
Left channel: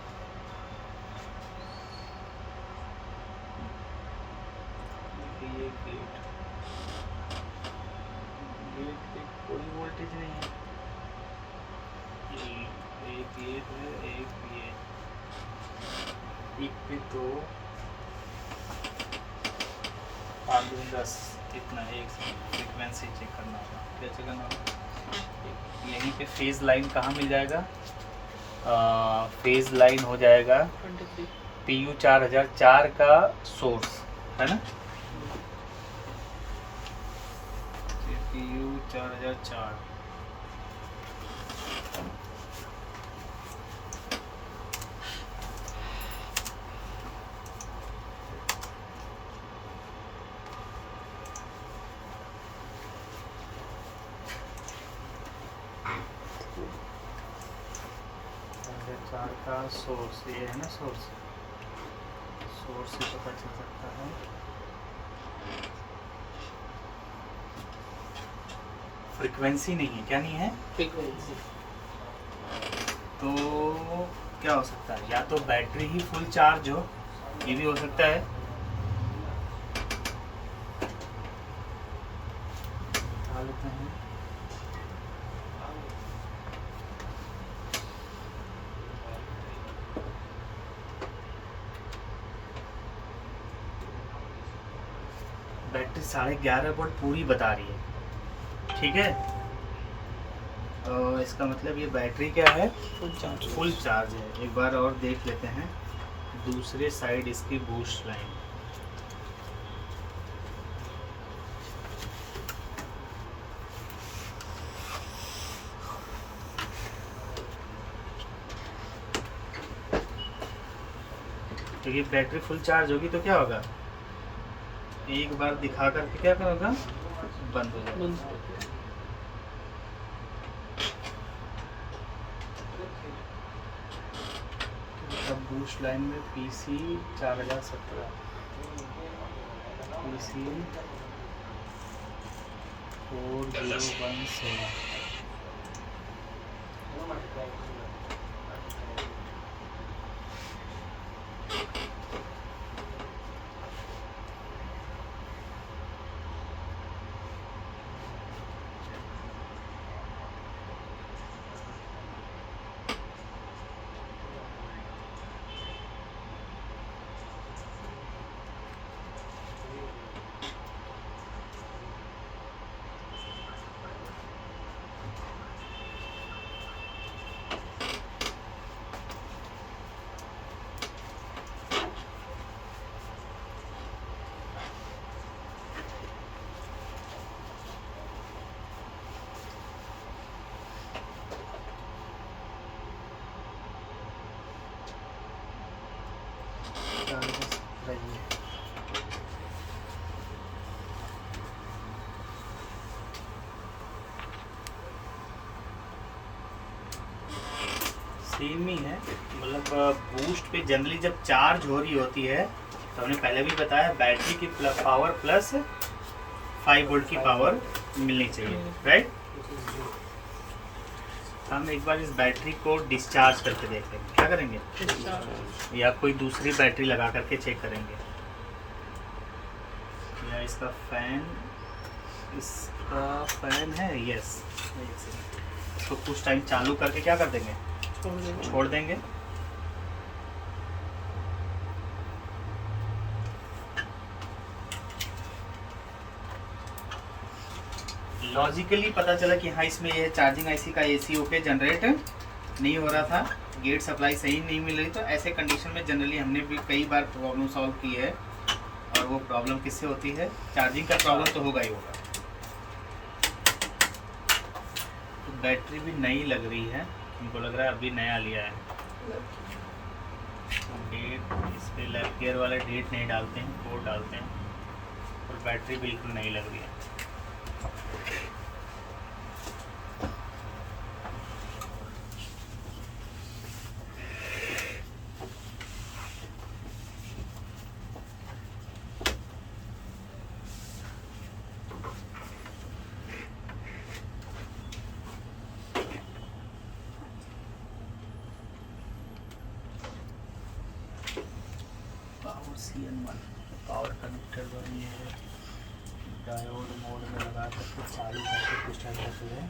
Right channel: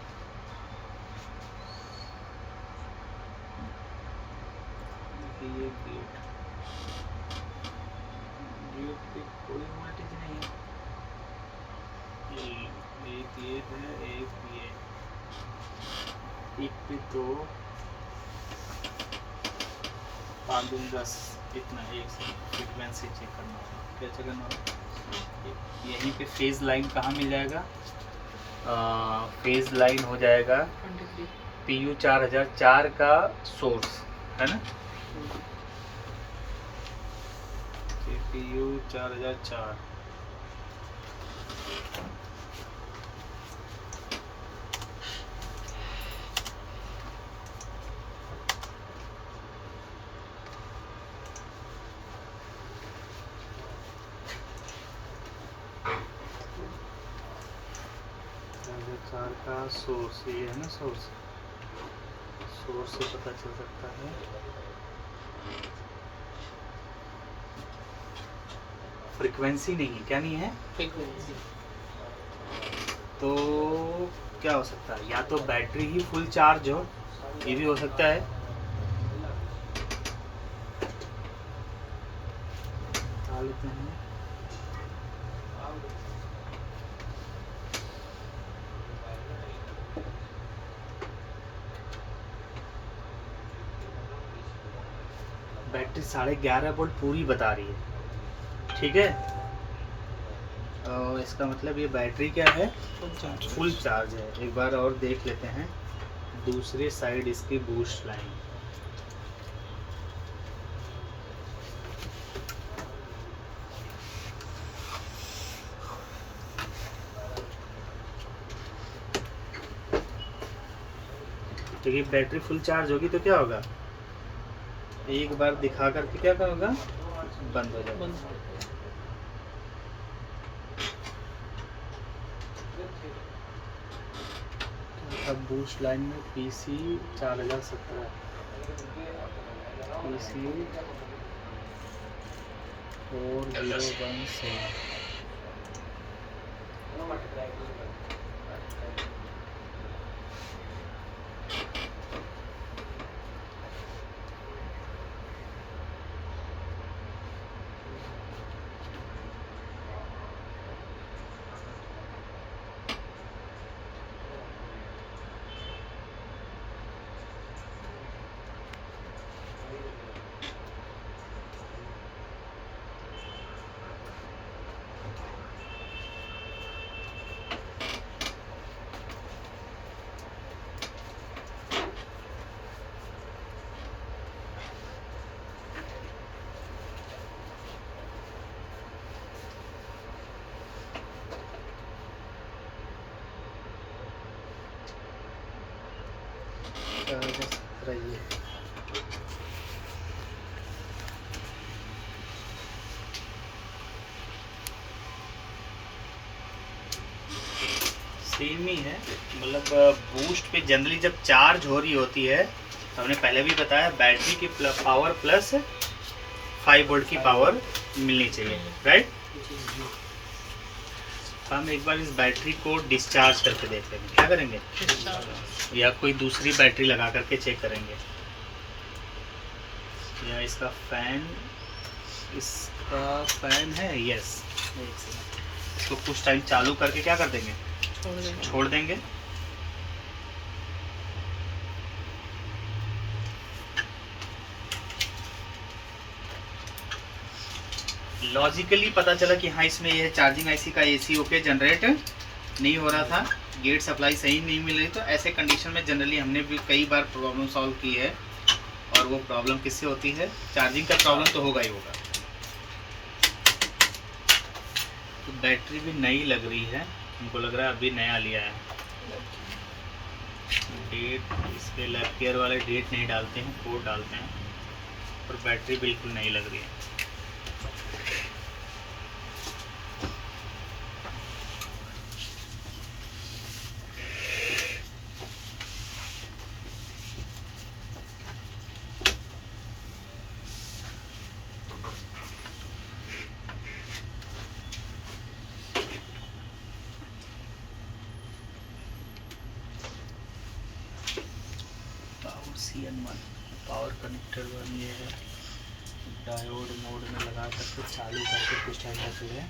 ये गेट पे कोई वोल्टेज नहीं है। एक ये है, एक पे तो 5 2 10 कितना है? एक फ्रीक्वेंसी चेक करना होगा। क्या चेक करना होगा? यहीं पे फेज लाइन कहाँ मिल जाएगा? फेज लाइन हो जाएगा PU 4004 का सोर्स, है ना। PU 4004 का सोर्स ये है ना, सोर्स से पता चल सकता है। फ्रीक्वेंसी नहीं है, क्या नहीं है? फ्रीक्वेंसी। तो क्या हो सकता है? या तो बैटरी ही फुल चार्ज हो, ये भी हो सकता है। उठा लेते हैं। बैटरी 11.5 वोल्ट पूरी बता रही है, ठीक है। और इसका मतलब ये बैटरी क्या है, फुल चार्ज है। एक बार और देख लेते हैं दूसरे साइड इसकी बूस्ट लाइन। क्योंकि बैटरी फुल चार्ज होगी तो क्या होगा, एक बार दिखा करके क्या होगा, बंद हो जाएगा। अब बूस्ट लाइन में PC 4017 PC 4017। सेम ही है, मतलब बूस्ट पे जनरली जब चार्ज हो रही होती है तो हमने पहले भी बताया बैटरी की पावर प्लस 5 वोल्ट की पावर मिलनी चाहिए, राइट। हम एक बार इस बैटरी को डिस्चार्ज करके देख लेंगे, क्या करेंगे, या कोई दूसरी बैटरी लगा करके चेक करेंगे, या इसका फैन है, यस। एक सेकंड, इसको कुछ टाइम चालू करके क्या कर देंगे, छोड़ देंगे। लॉजिकली पता चला कि हाँ इसमें यह चार्जिंग आईसी का AC ओके जनरेट नहीं हो रहा था, गेट सप्लाई सही नहीं मिल रही। तो ऐसे कंडीशन में जनरली हमने भी कई बार प्रॉब्लम सॉल्व की है, और वो प्रॉब्लम किससे होती है, चार्जिंग का प्रॉब्लम तो होगा ही होगा। तो बैटरी भी नई लग रही है, हमको लग रहा है अभी नया लिया है। डेट इस पर लैब केयर वाले डेट नहीं डालते हैं, कोड डालते हैं, और बैटरी बिल्कुल नई लग रही है। CN1 पावर कनेक्टर 1 ये डायोड मोड में लगा करके चालू करके कुछ टाइम रहते हैं।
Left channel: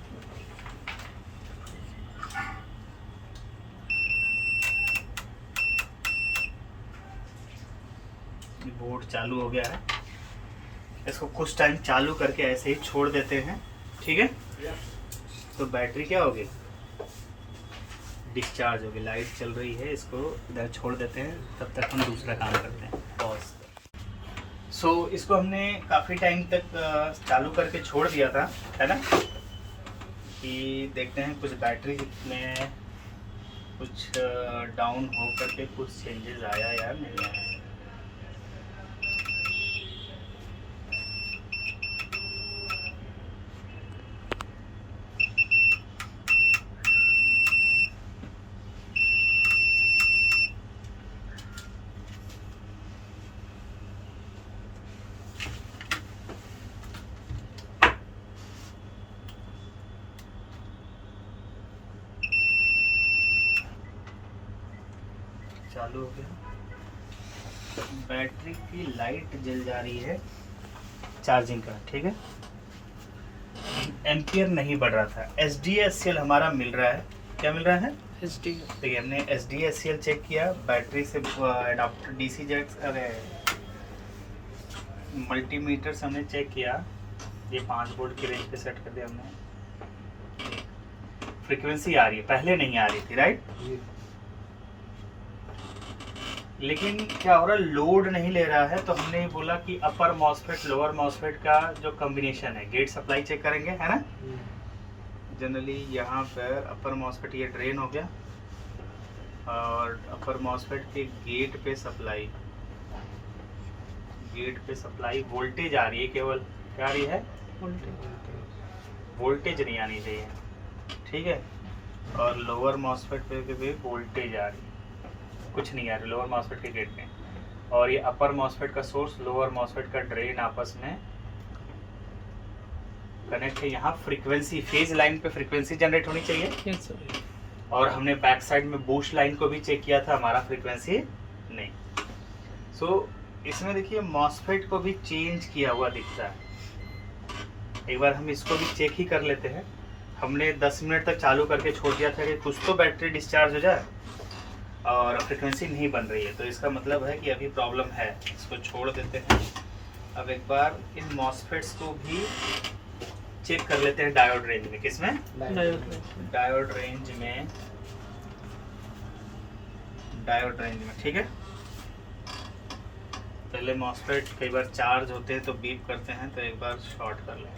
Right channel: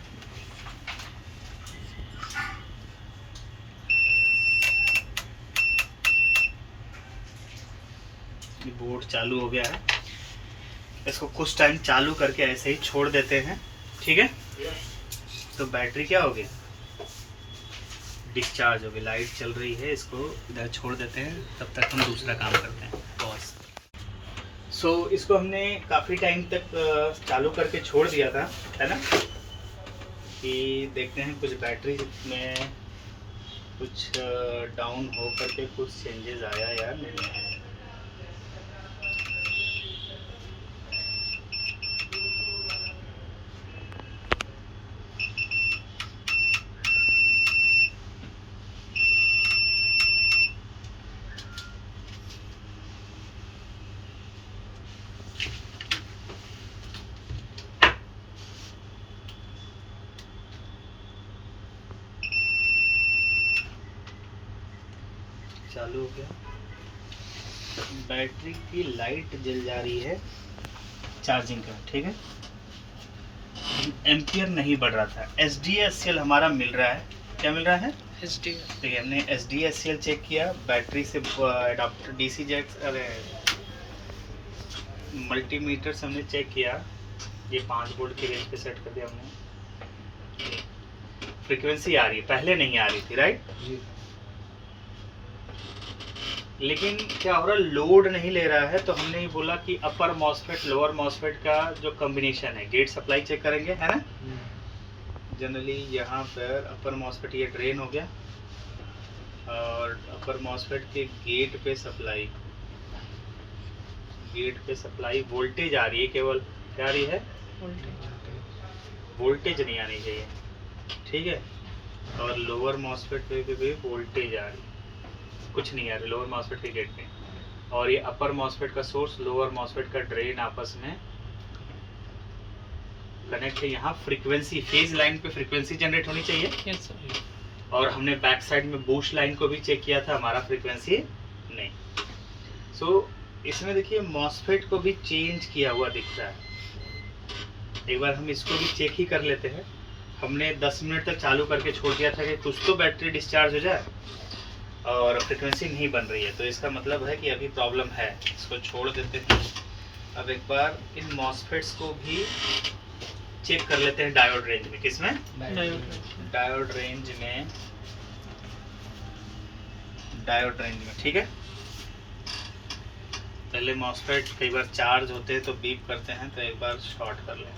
बोर्ड चालू हो गया है, इसको कुछ टाइम चालू करके ऐसे ही छोड़ देते हैं, ठीक है। तो बैटरी क्या होगी, डिस्चार्ज होगी। लाइट चल रही है, इसको इधर छोड़ देते हैं, तब तक हम दूसरा काम करते हैं, पॉज। सो इसको हमने काफ़ी टाइम तक चालू करके छोड़ दिया था, है ना, कि देखते हैं कुछ बैटरी में कुछ डाउन हो करके कुछ चेंजेस आया या नहीं आया। चालू हो गया, बैटरी की लाइट जल जा रही है चार्जिंग का, ठीक है। एम्पियर नहीं बढ़ रहा था, SDHCl हमारा मिल रहा है, क्या मिल रहा है, देखिए हमने SDHCl चेक किया, बैटरी से अडाप्टर DC जैक, अरे मल्टीमीटर से हमने चेक किया, ये 5 वोल्ट की रेंज पे सेट कर दिया हमने, फ्रीक्वेंसी आ रही है, पहले नहीं आ रही थी, राइट। लेकिन क्या हो रहा है, लोड नहीं ले रहा है, तो हमने ही बोला कि अपर मॉसफेट लोअर मॉसफेट का जो कॉम्बिनेशन है, गेट सप्लाई चेक करेंगे, है ना। जनरली यहाँ पर अपर मॉसफेट ये ड्रेन हो गया, और अपर मॉसफेट के गेट पे सप्लाई वोल्टेज आ रही है, केवल क्या आ रही है, वोल्टेज नहीं आनी चाहिए, ठीक है। और लोअर मॉसफेट पे भी वोल्टेज आ रही है, कुछ नहीं आ रही लोअर मॉसफेट के गेट पे। और ये अपर मॉसफेट का सोर्स, लोअर मॉसफेट का ड्रेन आपस में कनेक्ट है। यहाँ फ्रीक्वेंसी, फेज लाइन पे फ्रीक्वेंसी जनरेट होनी चाहिए। और हमने बैक साइड में बूस्ट लाइन को भी चेक किया था, हमारा फ्रीक्वेंसी नहीं। सो इसमें देखिए मॉसफेट को भी चेंज किया हुआ दिख रहा है। एक बार हम इसको भी चेक ही कर लेते हैं। हमने 10 मिनट तक चालू करके छोड़ दिया था कि कुछ तो बैटरी डिस्चार्ज हो जाए, और फ्रीक्वेंसी नहीं बन रही है, तो इसका मतलब है कि अभी प्रॉब्लम है। इसको छोड़ देते हैं। अब एक बार इन मॉसफेट्स को भी चेक कर लेते हैं डायोड रेंज में। किसमें? डायोड रेंज में, ठीक है। पहले मॉसफेट कई बार चार्ज होते हैं तो बीप करते हैं, तो एक बार शॉर्ट कर लें,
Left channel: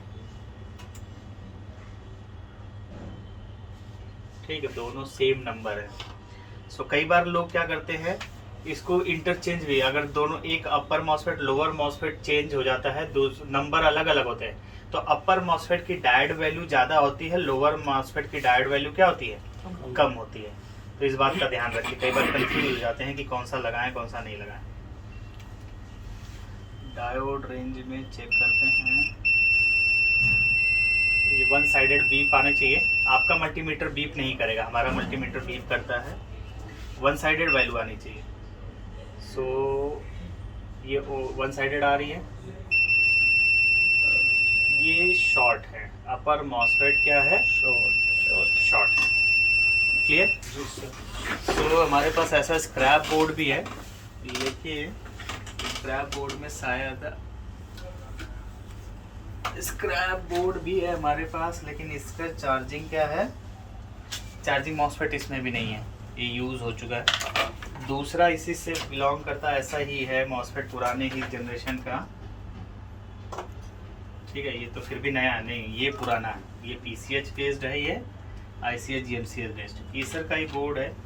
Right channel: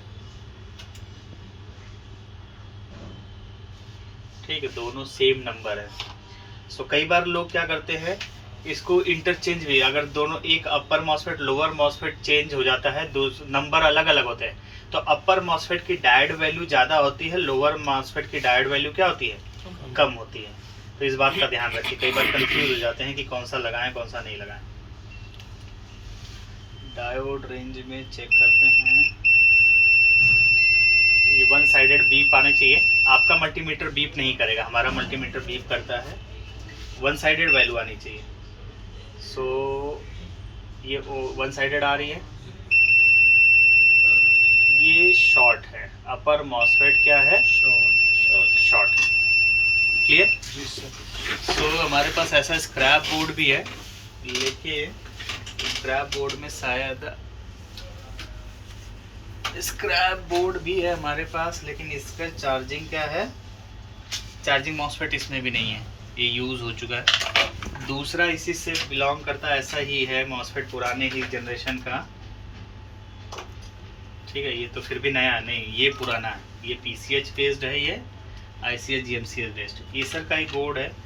ठीक है। दोनों सेम नंबर है। सो कई बार लोग क्या करते हैं, इसको इंटरचेंज भी, अगर दोनों एक अपर मॉसफेट लोअर मॉसफेट चेंज हो जाता है, दो नंबर अलग अलग होते हैं, तो अपर मॉसफेट की डायोड वैल्यू ज़्यादा होती है, लोअर मॉसफेट की डायोड वैल्यू क्या होती है, कम होती है। तो इस बात का ध्यान रखिए, कई बार कंफ्यूज हो जाते हैं कि कौन सा लगाएं कौन सा नहीं लगाएं। डायोड रेंज में चेक करते हैं, ये 1 साइडेड बीप आना चाहिए। आपका मल्टीमीटर बीप नहीं करेगा, हमारा मल्टीमीटर बीप करता है। 1 साइडेड वैल्यू आनी चाहिए। सो ये 1 साइडेड आ रही है, ये शॉर्ट है। अपर मॉसफेट क्या है, शॉर्ट है। क्लियर। सो हमारे पास ऐसा स्क्रैप बोर्ड भी है, लेकिन स्क्रैप बोर्ड में शायद हमारे पास, लेकिन इसका चार्जिंग क्या है, चार्जिंग मॉसफेट इसमें भी नहीं है, ये यूज़ हो चुका है। दूसरा इसी से बिलोंग करता है, ऐसा ही है मॉसफेट, पुराने ही जनरेशन का, ठीक है। ये तो फिर भी नया नहीं, ये पुराना है, ये PCH बेस्ड है, ये ICH GMCH बेस्ड। एसर का ही बोर्ड है,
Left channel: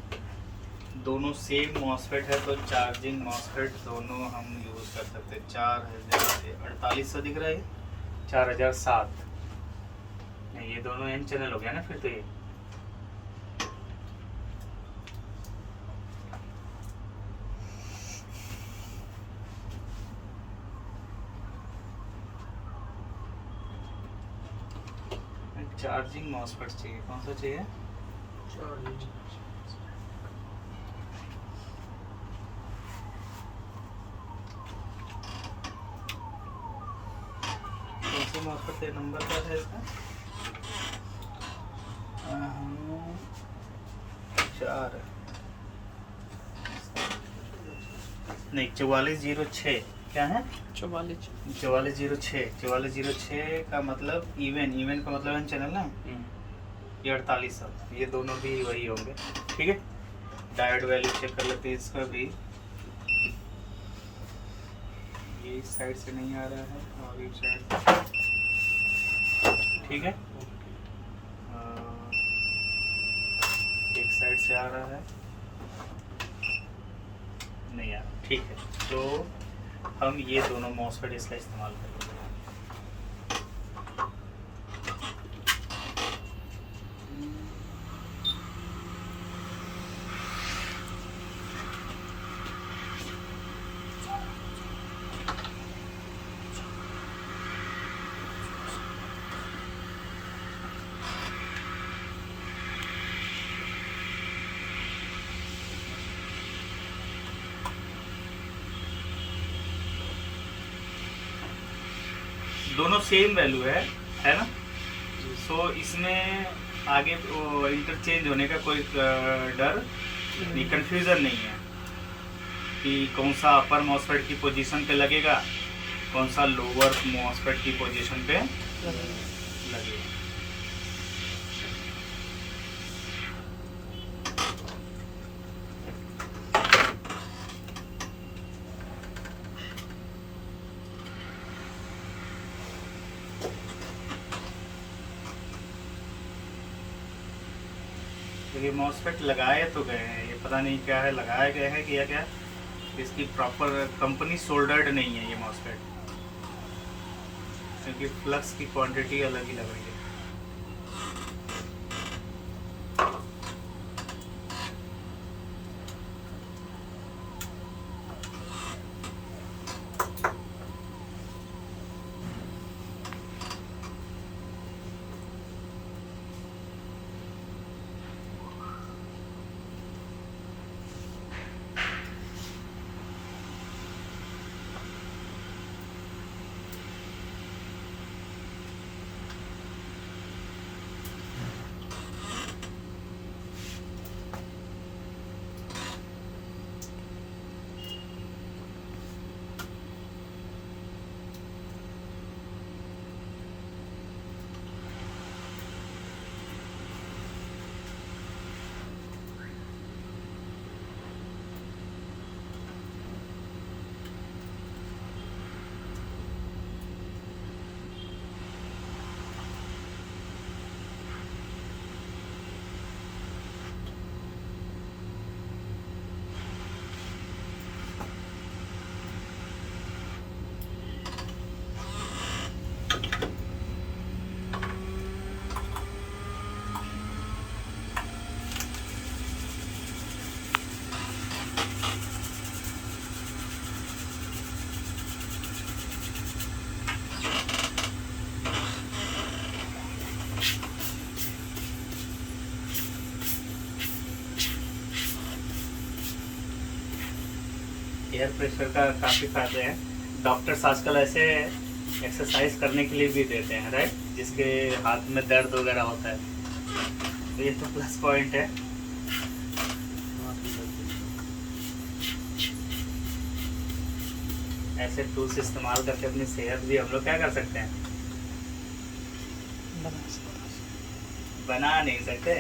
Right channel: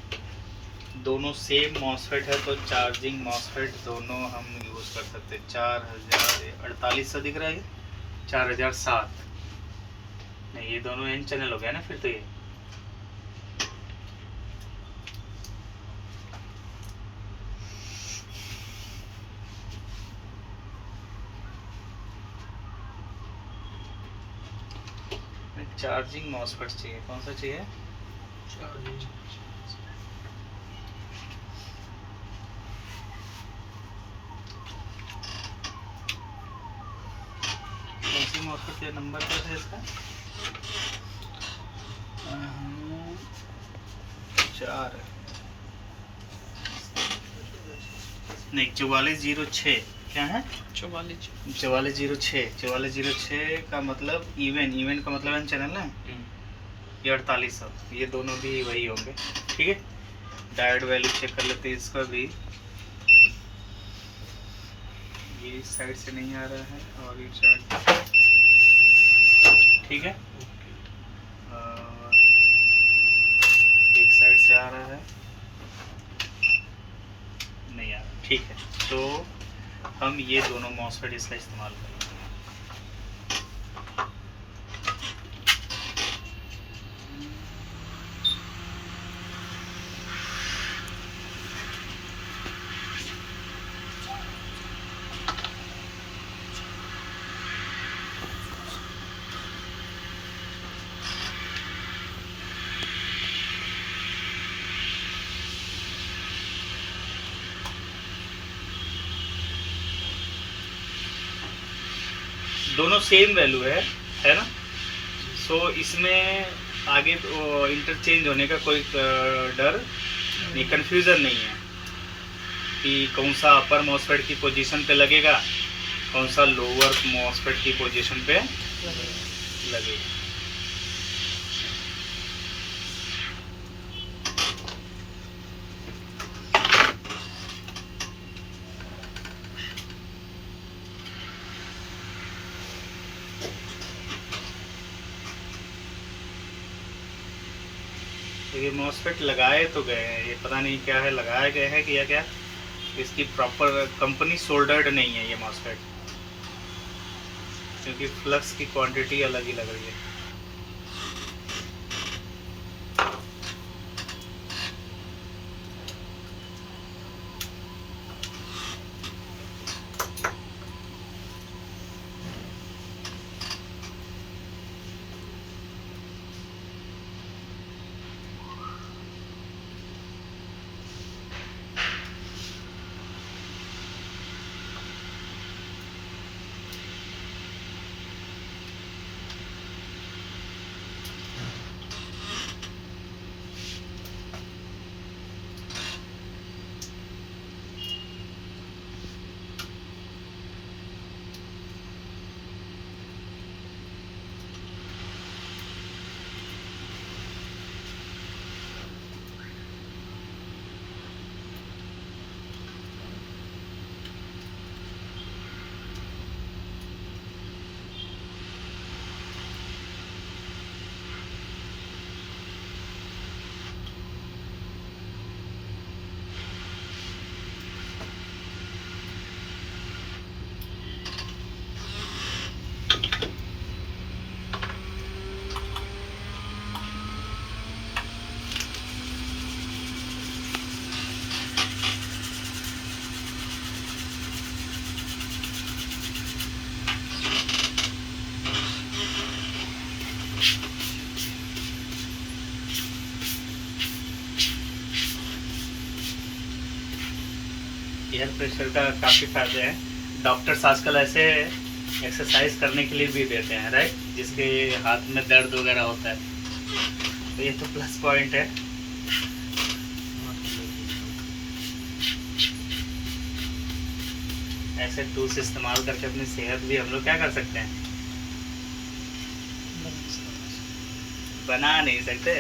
दोनों सेम मॉसफेट है, तो चार्जिंग मॉसफेट दोनों हम यूज़ कर सकते हैं। 4048 दिख रहा है, 4007 नहीं, ये दोनों N चैनल हो गया ना फिर तो। ये चार्जिंग मॉसफेट चाहिए, कौन सा चाहिए, कौन सी मॉसफेट का नंबर क्या था इसका, 4 नहीं 4406, क्या है 4406 का मतलब इवन का मतलब N चैनल ना, ये 4800, ये दोनों भी वही होंगे, ठीक है। डायोड वैल्यू चेक कर लेते हैं इसका भी, ये इस साइड से नहीं आ रहा है और इस साइड, ठीक है, और एक साइड से आ रहा है, नहीं आ रहा, ठीक है। तो हम ये दोनों मॉसफेट इसका इस्तेमाल करेंगे। दोनों सेम वैल्यू है ना। सो इसमें आगे इंटरचेंज होने का कोई डर नहीं, कन्फ्यूज़न नहीं है कि कौन सा अपर मॉसफेट की पोजीशन पे लगेगा कौन सा लोअर मॉसफेट की पोजीशन पे लगेगा। ये मॉसफेट लगाए तो गए हैं, ये पता नहीं क्या है, लगाए गए हैं कि या क्या, इसकी प्रॉपर कंपनी सोल्डर्ड नहीं है ये मॉसफेट, क्योंकि फ्लक्स की क्वांटिटी अलग ही लग रही है। एयर प्रेशर का काफ़ी फायदे हैं। डॉक्टर्स आजकल ऐसे एक्सरसाइज करने के लिए भी देते हैं, राइट, जिसके हाथ में दर्द वगैरह होता है, तो ये तो प्लस पॉइंट है। ऐसे टूल्स इस्तेमाल करके अपनी सेहत भी हम लोग क्या कर सकते हैं, बना नहीं सकते,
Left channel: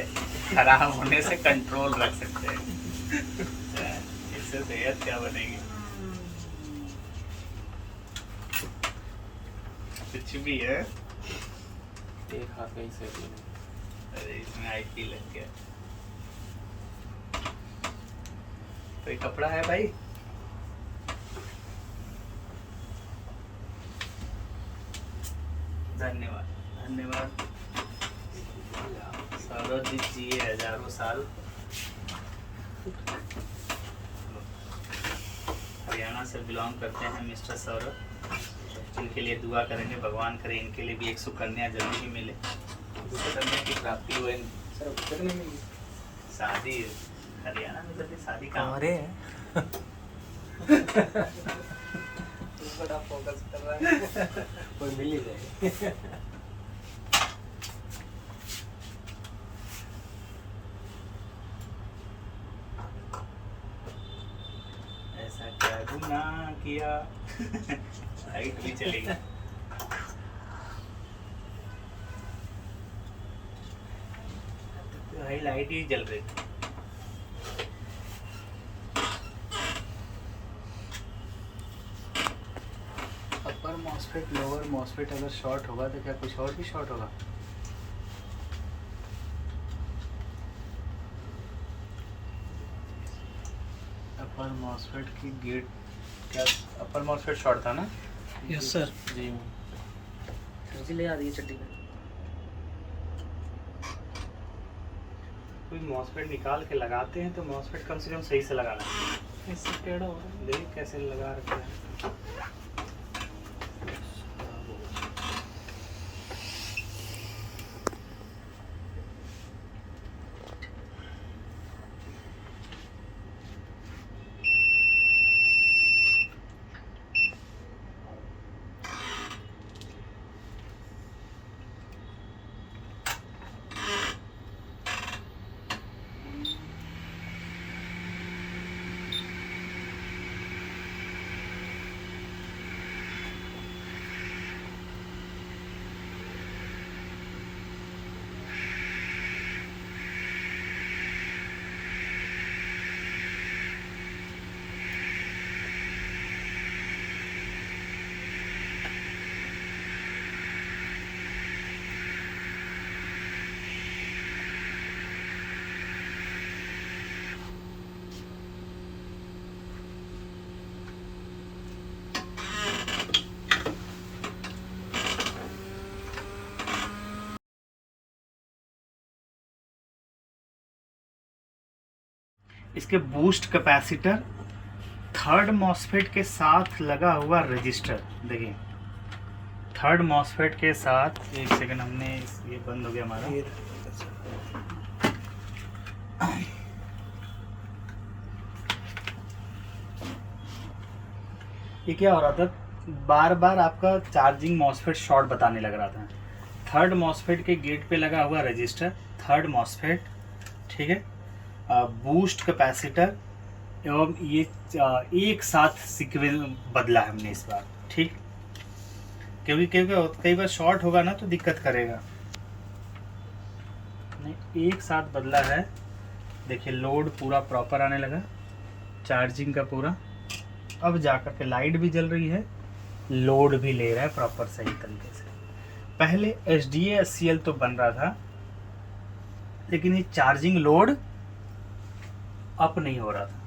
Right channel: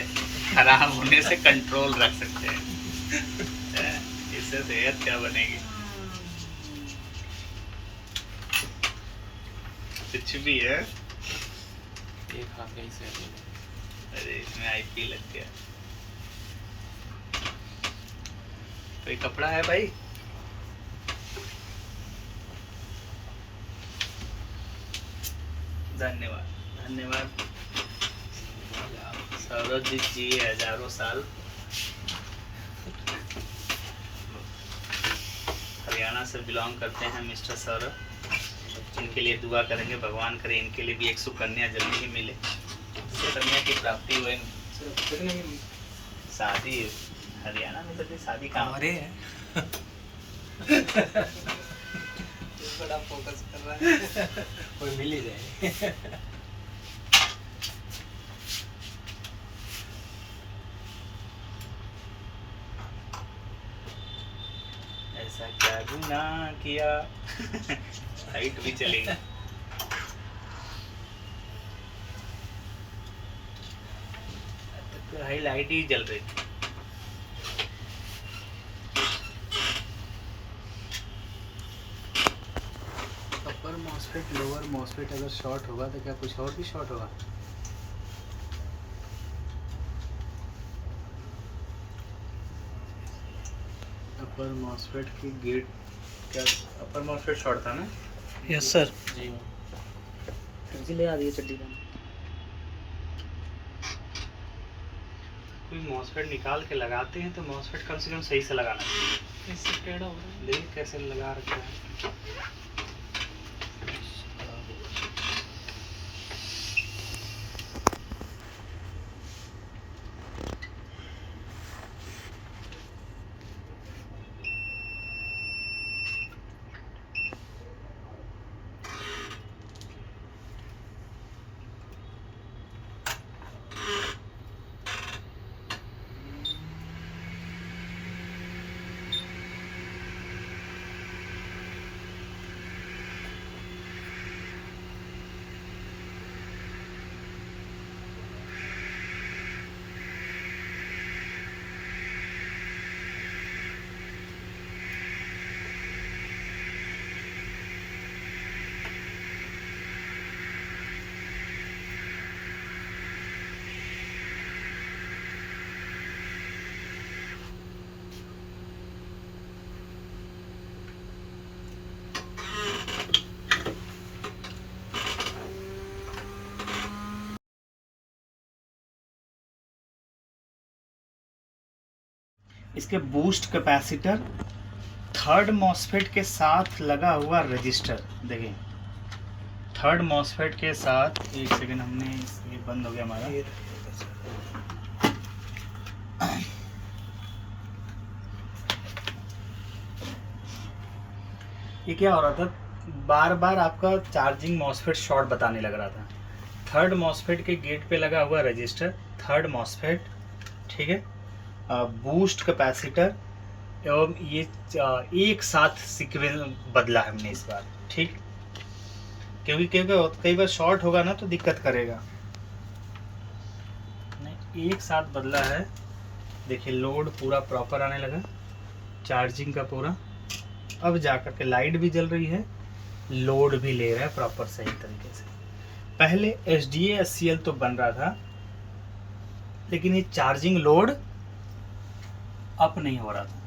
खराब होने से कंट्रोल रख सकते हैं। इससे सेहत क्या बनेगी, कुछ भी है। अरे इसमें आईपी लग गया। कोई कपड़ा है भाई? धन्यवाद धन्यवाद। सौरभ जी जिए हजारों साल। हरियाणा से बिलोंग करते हैं मिस्टर सौरभ, इनके लिए दुआ करेंगे, भगवान करे इनके लिए भी एक सुकन्या जल्दी ही मिले, सुकन्या की प्राप्ति हुए। शादी हरियाणा में जल्दी शादी का बड़ा फोकस कर रहा है, कोई मिल ही जाए। ऐसा क्या गुनाह किया। लाइट भी चलेगी। तो लाइट ही जल रही थी। अपर मॉसफेट लोअर मॉसफेट अगर शॉर्ट होगा तो क्या कुछ और भी शॉर्ट होगा? अपर मॉसफेट की गेट, क्या अपर मॉसफेट शॉर्ट था ना? Yes sir. जी ले आ रही है चड्डी में। कोई मॉसफेट निकाल के लगाते हैं तो मॉसफेट कम से कम सही से लगाना चाहिए। इससे टेढ़ा हो रहा है, देखिए कैसे लगा रखा है। इसके बूस्ट कैपेसिटर, थर्ड मॉसफेट के साथ लगा हुआ रजिस्टर। देखिए थर्ड मॉसफेट के साथ, एक सेकंड, हमने ये बंद हो गया हमारा। ये क्या हो रहा था, बार बार आपका चार्जिंग मॉसफेट शॉर्ट बताने लग रहा था। थर्ड मॉसफेट के गेट पे लगा हुआ रजिस्टर, थर्ड मॉसफेट, ठीक है, बूस्ट कैपेसिटर, एवं ये एक साथ सीक्वेंस बदला है हमने इस बार, ठीक, क्योंकि कई बार शॉर्ट होगा ना तो दिक्कत करेगा। नहीं, एक साथ बदला है। देखिए लोड पूरा प्रॉपर आने लगा, चार्जिंग का पूरा, अब जाकर के लाइट भी जल रही है, लोड भी ले रहा है प्रॉपर सही तरीके से। पहले SDA SCL तो बन रहा था, लेकिन ये चार्जिंग लोड अप नहीं हो रहा था।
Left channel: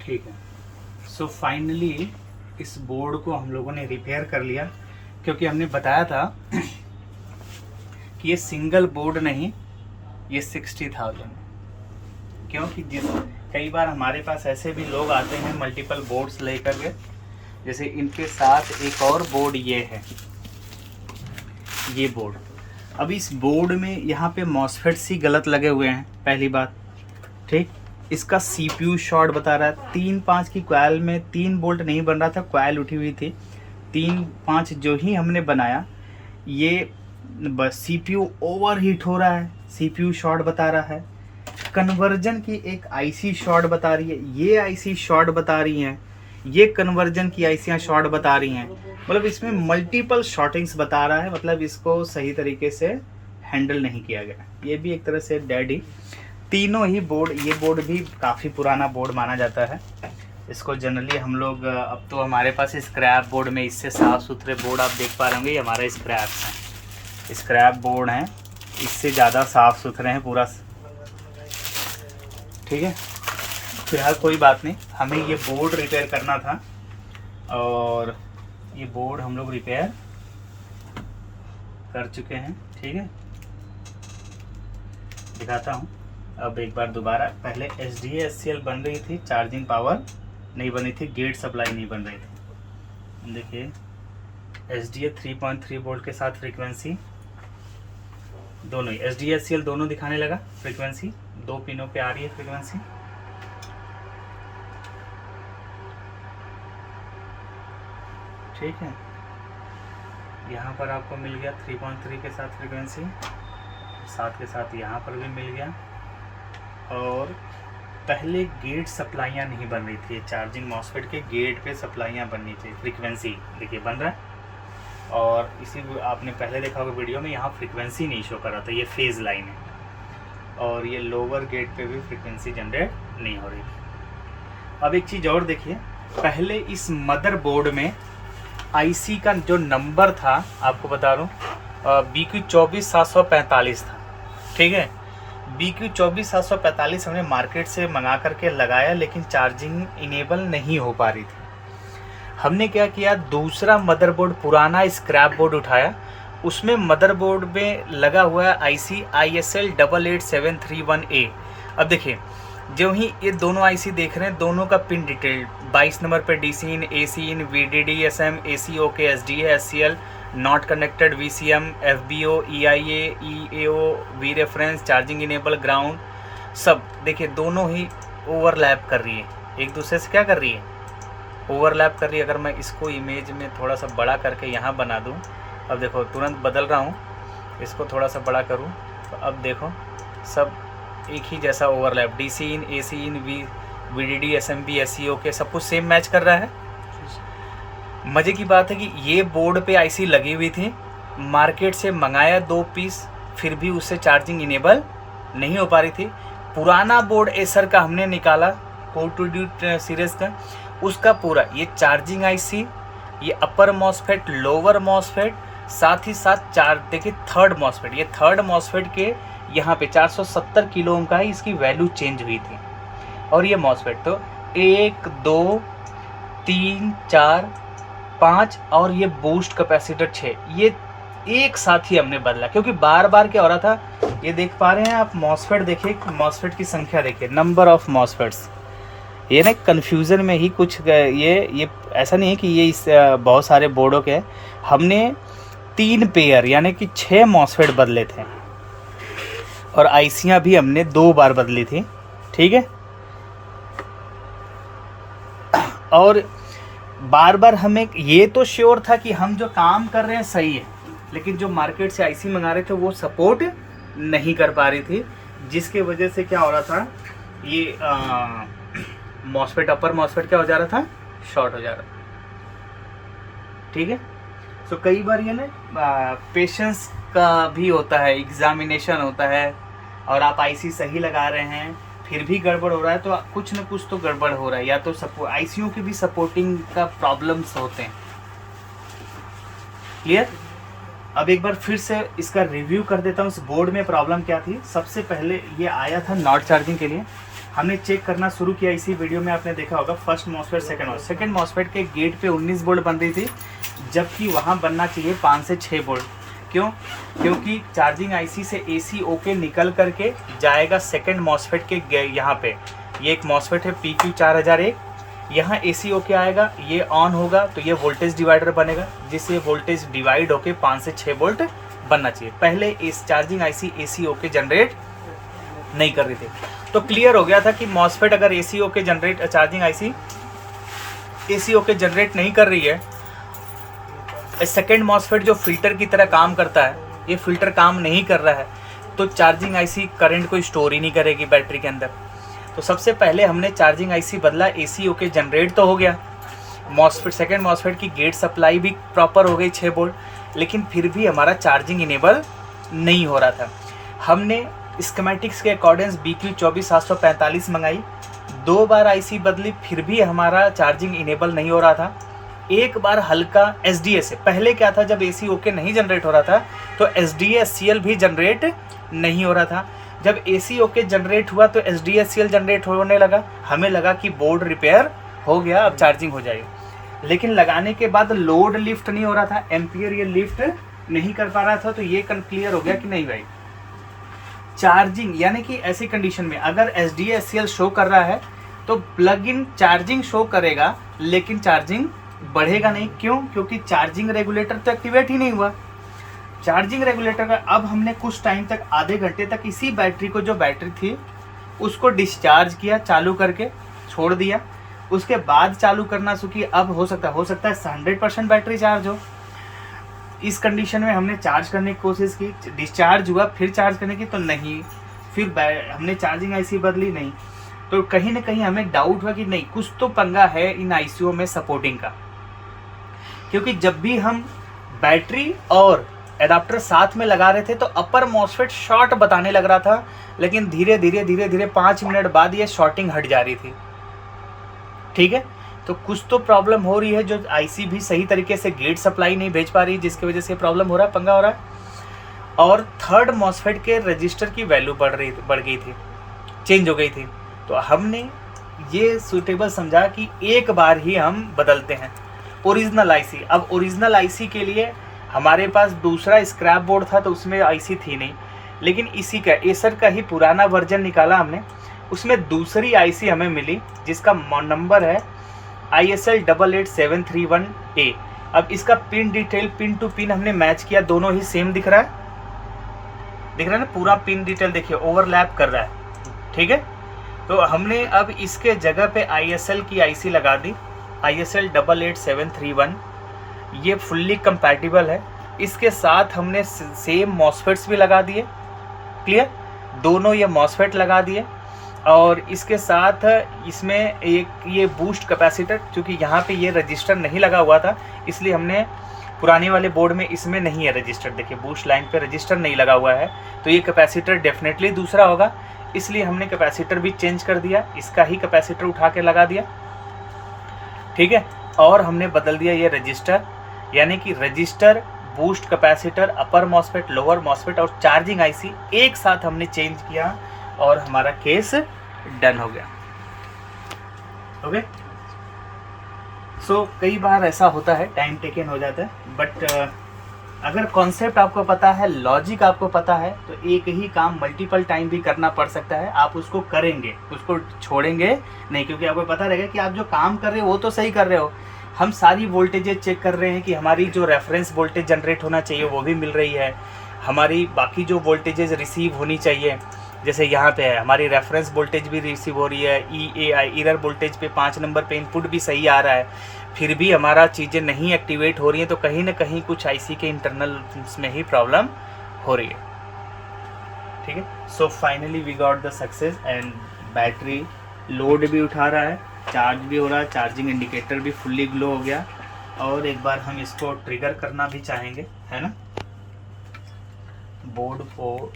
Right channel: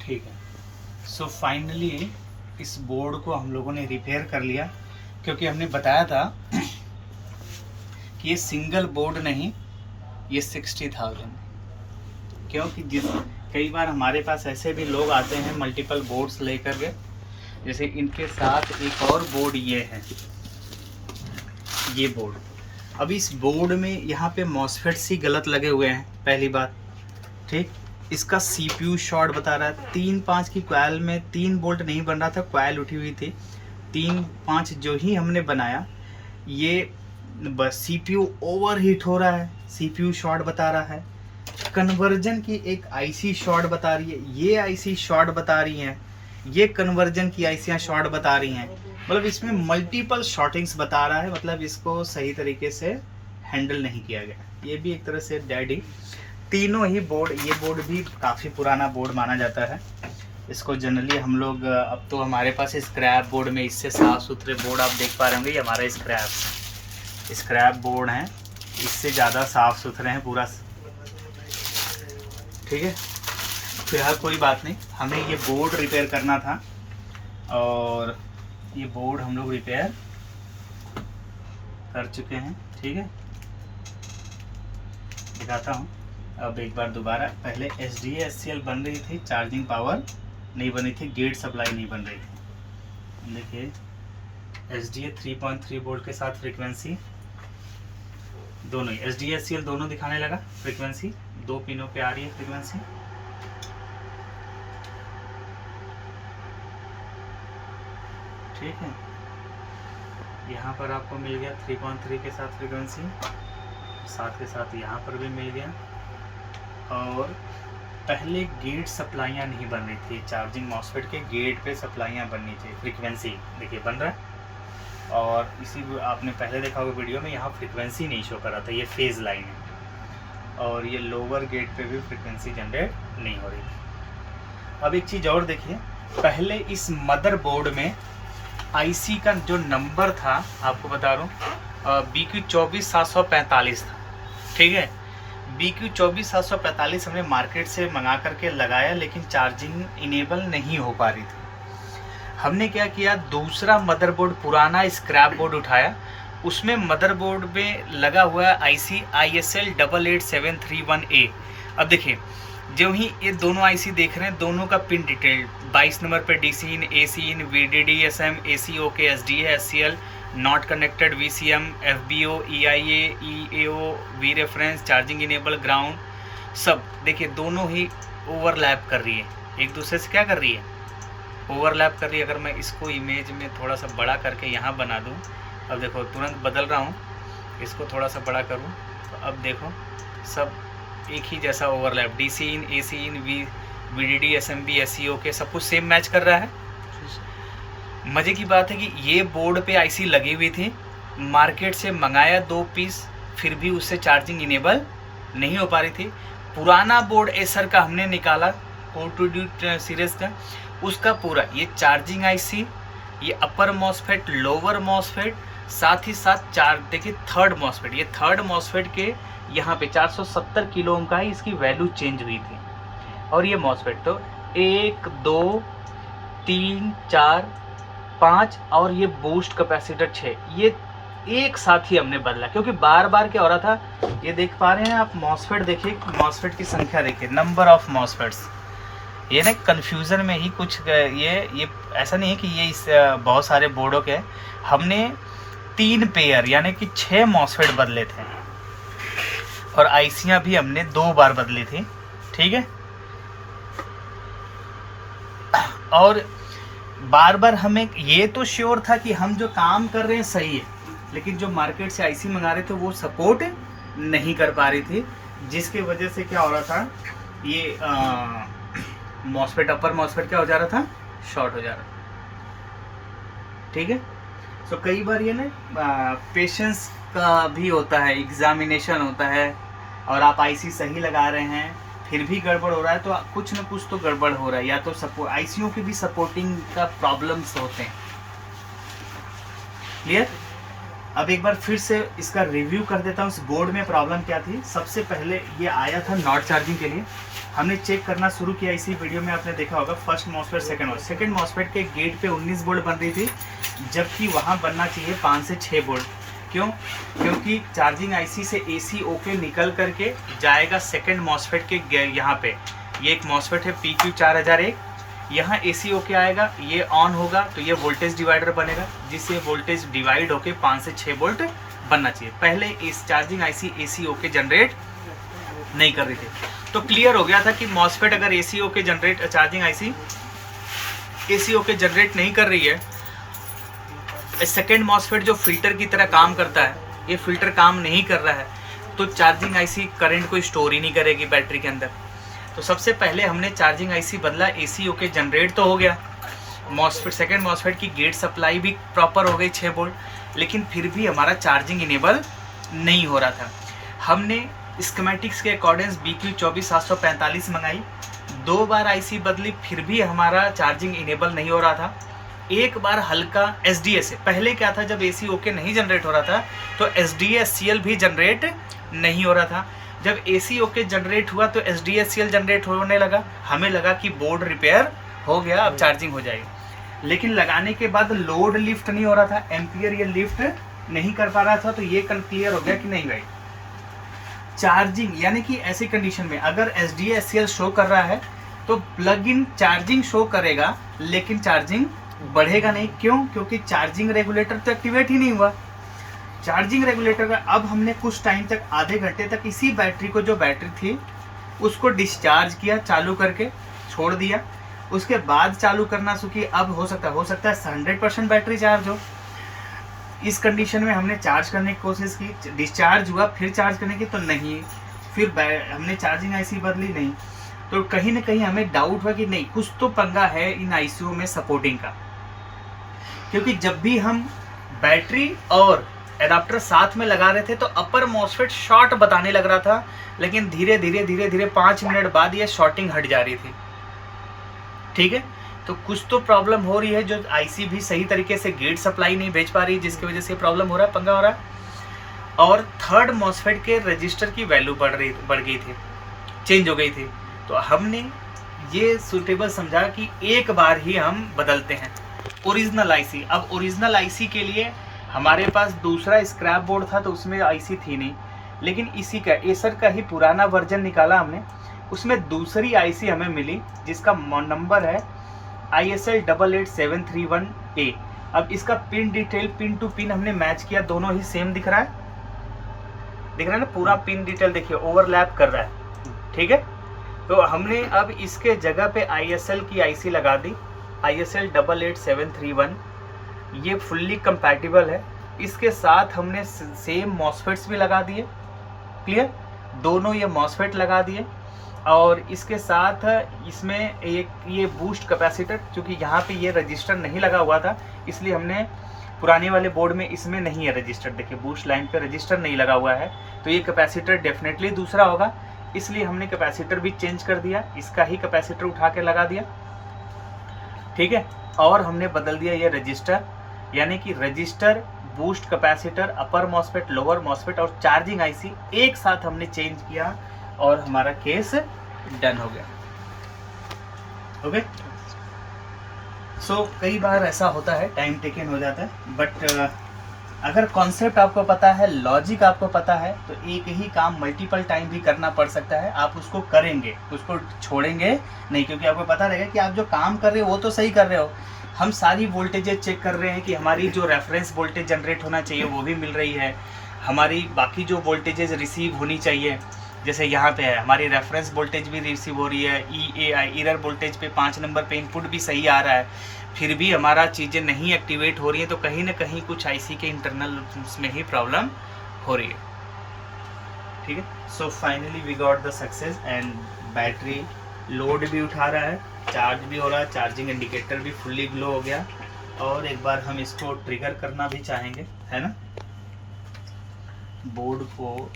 ठीक है, सो फाइनली इस बोर्ड को हम लोगों ने रिपेयर कर लिया, क्योंकि हमने बताया था कि ये सिंगल बोर्ड नहीं, ये 60,000, क्योंकि कई बार हमारे पास ऐसे भी लोग आते हैं मल्टीपल बोर्ड्स लेकर के, जैसे इनके साथ एक और बोर्ड ये है, ये बोर्ड। अब इस बोर्ड में यहाँ पे मॉसफेट्स ही गलत लगे हुए हैं, पहली बात, ठीक। इसका CPU शॉर्ट बता रहा है, 3-5 की कॉइल में 3 बोल्ट नहीं बन रहा था, कॉइल उठी हुई थी, 3-5 जो ही हमने बनाया, ये बस CPU ओवरहीट हो रहा है, CPU शॉर्ट बता रहा है। कन्वर्जन की एक IC शॉर्ट बता रही है, ये IC शॉर्ट बता रही है, ये कन्वर्जन की ICयाँ शॉर्ट बता रही हैं, मतलब इसमें मल्टीपल शॉर्टिंग्स बता रहा है, मतलब इसको सही तरीके से हैंडल नहीं किया गया। ये भी एक तरह से डैडी, तीनों ही बोर्ड, ये बोर्ड भी काफ़ी पुराना बोर्ड माना जाता है, इसको जनरली हम लोग, अब तो हमारे पास स्क्रैप बोर्ड में इससे साफ़ सुथरे बोर्ड आप देख पा रहे, ये हमारा स्क्रैप बोर्ड है, इससे ज़्यादा साफ़ सुथरे हैं पूरा, ठीक है। फिलहाल कोई बात नहीं, हमें ये बोर्ड रिपेयर करना था, और ये बोर्ड हम लोग रिपेयर कर चुके हैं, ठीक है। दिखाता हूँ अब एक बार दोबारा। पहले SDA SCL बन रही थी, चार्जिंग पावर नहीं बनी थी, गेट सप्लाई नहीं बन रही थी। देखिए SDA 3.3 वोल्ट के साथ फ्रीक्वेंसी, दोनों ही SDA SCL दोनों दिखाने लगा फ्रीक्वेंसी, 2 पिनों पे आ रही है फ्रीक्वेंसी, ठीक है। यहाँ पर आपको मिल गया 3.3 के साथ फ्रीक्वेंसी, साथ के साथ यहाँ पर भी मिल गया। और पहले गेट सप्लाइयाँ नहीं बन रही थी, चार्जिंग मॉसफेट के गेट पे सप्लाइयाँ बननी चाहिए, फ्रीक्वेंसी देखिए बन रहा है। और इसी आपने पहले देखा होगा वीडियो में, यहाँ फ्रीक्वेंसी नहीं शो कर रहा था, ये फेज़ लाइन है, और ये लोअर गेट पे भी फ्रीक्वेंसी जनरेट नहीं हो रही थी। अब एक चीज़ और देखिए, पहले इस मदरबोर्ड में IC का जो नंबर था, आपको बता रहा हूँ, BQ 24745 था, ठीक है। BQ 24745 हमने मार्केट से मंगा करके लगाया, लेकिन चार्जिंग इनेबल नहीं हो पा रही थी। हमने क्या किया, दूसरा मदरबोर्ड, पुराना स्क्रैप बोर्ड उठाया, उसमें मदरबोर्ड में लगा हुआ है IC ISL 88731A। अब देखिए, जो ही ये दोनों IC देख रहे हैं, दोनों का पिन डिटेल 22 नंबर पर DC in, AC in, VDD SM, AC OK, SDA SCL, not connected, VCM, FBO, EIA, EAO, V reference, charging enable, ground, सब देखिए दोनों ही ओवरलैप कर रही है, एक दूसरे से क्या कर रही है, ओवरलैप कर रही है। अगर मैं इसको इमेज में थोड़ा सा बड़ा करके यहाँ बना दूँ, अब देखो तुरंत बदल रहा हूँ, इसको थोड़ा सा बड़ा करूँ तो अब देखो सब एक ही जैसा ओवरलैप, DC इन, AC इन, VDD, SMB, SEO के सब कुछ सेम मैच कर रहा है। मज़े की बात है कि ये बोर्ड पे IC लगी हुई थी, मार्केट से मंगाया 2 पीस, फिर भी उससे चार्जिंग इनेबल नहीं हो पा रही थी। पुराना बोर्ड एसर का हमने निकाला, कोटूड्यूट सीरीज़ का, उसका पूरा ये चार्जिंग IC, ये अपर मॉसफेट, लोअर मॉसफेट, साथ ही साथ देखिए थर्ड मॉसफेट, ये थर्ड मॉसफेट के यहाँ पे 470 किलो ओम का ही इसकी वैल्यू चेंज हुई थी। और ये मॉसफेट तो 1, 2, 3 4 5 और ये बूस्ट कैपेसिटर 6, ये एक साथ ही हमने बदला, क्योंकि बार बार क्या हो रहा था, ये देख पा रहे हैं आप, मॉसफेट देखिए, मॉसफेट की संख्या देखिए, नंबर ऑफ मॉसफेट्स, ये ना कन्फ्यूज़न में ही कुछ ये ऐसा नहीं है कि ये इस बहुत सारे बोर्डों के, हमने 3 पेयर यानी कि 6 मॉसफेट बदले थे, और आईसियाँ भी हमने 2 बार बदली थी, ठीक है। और बार बार हमें ये तो श्योर था कि हम जो काम कर रहे हैं सही है, लेकिन जो मार्केट से आईसी मंगा रहे थे वो सपोर्ट नहीं कर पा रही थी, जिसके वजह से क्या हो रहा था, ये मॉसफेट, अपर मॉसफेट क्या हो जा रहा था, शॉर्ट हो जा रहा, ठीक है। सो कई बार ये ना पेशेंस का भी होता है, एग्जामिनेशन होता है, और आप आईसी सही लगा रहे हैं फिर भी गड़बड़ हो रहा है, तो कुछ ना कुछ तो गड़बड़ हो रहा है, या तो आईसीयू की भी सपोर्टिंग का प्रॉब्लम्स होते हैं। क्लियर। अब एक बार फिर से इसका रिव्यू कर देता हूँ, इस बोर्ड में प्रॉब्लम क्या थी। सबसे पहले ये आया था नॉट चार्जिंग के लिए, हमने चेक करना शुरू किया, इसी वीडियो में आपने देखा होगा, फर्स्ट मॉसफेट, सेकंड मॉसफेट के गेट पे 19 बोल्ट बन रही थी, जबकि वहाँ बनना चाहिए 5 से 6 बोल्ट। क्यों? क्योंकि चार्जिंग आईसी से एसी ओके निकल करके जाएगा सेकंड मॉसफेट के यहाँ पे, ये एक मॉसफेट है PQ4001, यहाँ एसी ओके आएगा, ये ऑन होगा तो ये वोल्टेज डिवाइडर बनेगा, जिससे वोल्टेज डिवाइड होके 5 से 6 वोल्ट बनना चाहिए। पहले इस charging IC AC okay generate नहीं कर रही थी, तो क्लियर हो गया था कि मॉसफेट अगर AC okay generate, charging IC AC okay generate नहीं कर रही है, सेकेंड मॉसफेट जो फिल्टर की तरह काम करता है, ये फिल्टर काम नहीं कर रहा है, तो चार्जिंग आईसी करंट को स्टोर ही नहीं करेगी बैटरी के अंदर। तो सबसे पहले हमने चार्जिंग आईसी बदला, एसी ओके जनरेट तो हो गया, मॉसफेट, सेकेंड मॉसफेट की गेट सप्लाई भी प्रॉपर हो गई 6 वोल्ट, लेकिन फिर भी हमारा चार्जिंग इनेबल नहीं हो रहा था। हमने स्कीमेटिक्स के अकॉर्डिंग BQ24745 मंगाई, 2 बार आईसी बदली, फिर भी हमारा चार्जिंग इनेबल नहीं हो रहा था। एक बार हल्का SDA से, पहले क्या था, जब एसी ओके नहीं जनरेट हो रहा था तो SDA-SCL भी जनरेट नहीं हो रहा था। जब एसी ओके जनरेट हुआ तो SDA-SCL जनरेट होने लगा, हमें लगा कि बोर्ड रिपेयर हो गया, अब चार्जिंग हो जाएगी, लेकिन लगाने के बाद लोड लिफ्ट नहीं हो रहा था, एम्पियर ये लिफ्ट नहीं कर पा रहा था। तो ये क्लियर हो गया कि नहीं भाई, चार्जिंग यानी कि ऐसी कंडीशन में अगर SDA-SCL शो कर रहा है तो प्लग इन चार्जिंग शो करेगा, लेकिन चार्जिंग बढ़ेगा नहीं। क्यों? क्योंकि चार्जिंग रेगुलेटर तो एक्टिवेट ही नहीं हुआ। चार्जिंग रेगुलेटर का अब हमने कुछ टाइम तक, आधे घंटे तक इसी बैटरी को, जो बैटरी थी उसको डिस्चार्ज किया, चालू करके छोड़ दिया, उसके बाद चालू करना शुरू किया। अब हो सकता है 100% बैटरी चार्ज हो। इस कंडीशन में हमने चार्ज करने की कोशिश की, डिस्चार्ज हुआ, फिर चार्ज करने की तो नहीं, फिर हमने चार्जिंग आईसी बदली, नहीं। तो कहीं ना कहीं हमें डाउट हुआ कि नहीं, कुछ तो पंगा है इन आईसीयू में सपोर्टिंग का, क्योंकि जब भी हम बैटरी और एडाप्टर साथ में लगा रहे थे तो अपर मॉसफेट शॉर्ट बताने लग रहा था, लेकिन धीरे धीरे 5 मिनट बाद ये शॉर्टिंग हट जा रही थी, ठीक है। तो कुछ तो प्रॉब्लम हो रही है, जो आईसी भी सही तरीके से गेट सप्लाई नहीं भेज पा रही, जिसकी वजह से प्रॉब्लम हो रहा है, पंगा हो रहा है। और थर्ड मॉसफेट के रजिस्टर की वैल्यू बढ़ गई थी, चेंज हो गई थी। तो हमने ये सूटेबल समझा कि एक बार ही हम बदलते हैं ओरिजिनल आईसी। अब ओरिजिनल आईसी के लिए हमारे पास दूसरा स्क्रैप बोर्ड था, तो उसमें आईसी थी नहीं, लेकिन इसी का एसर का ही पुराना वर्जन निकाला हमने, उसमें दूसरी आईसी हमें मिली, जिसका नंबर है ISL 88731A। अब इसका pin detail, pin to pin हमने मैच किया, दोनों ही सेम दिख रहा है ना, पूरा पिन डिटेल देखिए ओवरलैप कर रहा है, ठीक है। तो हमने अब इसके जगह पे ISL की आईसी लगा दी, ISL 88731, ये फुल्ली कंपैटिबल है। इसके साथ हमने सेम मॉसफेट्स भी लगा दिए, क्लियर, दोनों ये मॉसफेट लगा दिए। और इसके साथ इसमें एक ये बूस्ट कैपेसिटर, क्योंकि यहाँ पे ये रजिस्टर नहीं लगा हुआ था, इसलिए हमने पुराने वाले बोर्ड में इसमें नहीं है रजिस्टर, देखिए बूस्ट लाइन पे रजिस्टर नहीं लगा हुआ है, तो ये कैपेसिटर डेफिनेटली दूसरा होगा, इसलिए हमने कैपेसिटर भी चेंज कर दिया, इसका ही कैपेसिटर उठा के लगा दिया, ठीक है। और हमने बदल दिया ये रजिस्टर, यानी कि रजिस्टर, बूस्ट कैपेसिटर, अपर मॉसफेट, लोअर मॉसफेट और चार्जिंग आईसी एक साथ हमने चेंज किया, और हमारा केस डन हो गया। ओके, सो कई बार ऐसा होता है, टाइम टेकन हो जाता है, बट अगर कॉन्सेप्ट आपको पता है, लॉजिक आपको पता है, तो एक ही काम मल्टीपल टाइम भी करना पड़ सकता है। आप उसको करेंगे, उसको छोड़ेंगे नहीं, क्योंकि आपको पता रहेगा कि आप जो काम कर रहे हो वो तो सही कर रहे हो। हम सारी वोल्टेजेस चेक कर रहे हैं कि हमारी जो रेफरेंस वोल्टेज जनरेट होना चाहिए वो भी मिल रही है, हमारी बाकी जो वोल्टेजेस रिसीव होनी चाहिए, जैसे यहाँ पे है हमारी रेफरेंस वोल्टेज भी रिसीव हो रही है, EAI इरर वोल्टेज पे 5 नंबर पे इनपुट भी सही आ रहा है, फिर भी हमारा चीज़ें नहीं एक्टिवेट हो रही हैं, तो कहीं ना कहीं कुछ IC के इंटरनल में ही प्रॉब्लम हो रही है। ठीक है, so finally we got the success and battery load भी उठा रहा है, चार्ज भी हो रहा है, चार्जिंग इंडिकेटर भी फुल्ली ग्लो हो गया। और एक बार हम इसको ट्रिगर करना भी चाहेंगे, है ना, बोर्ड को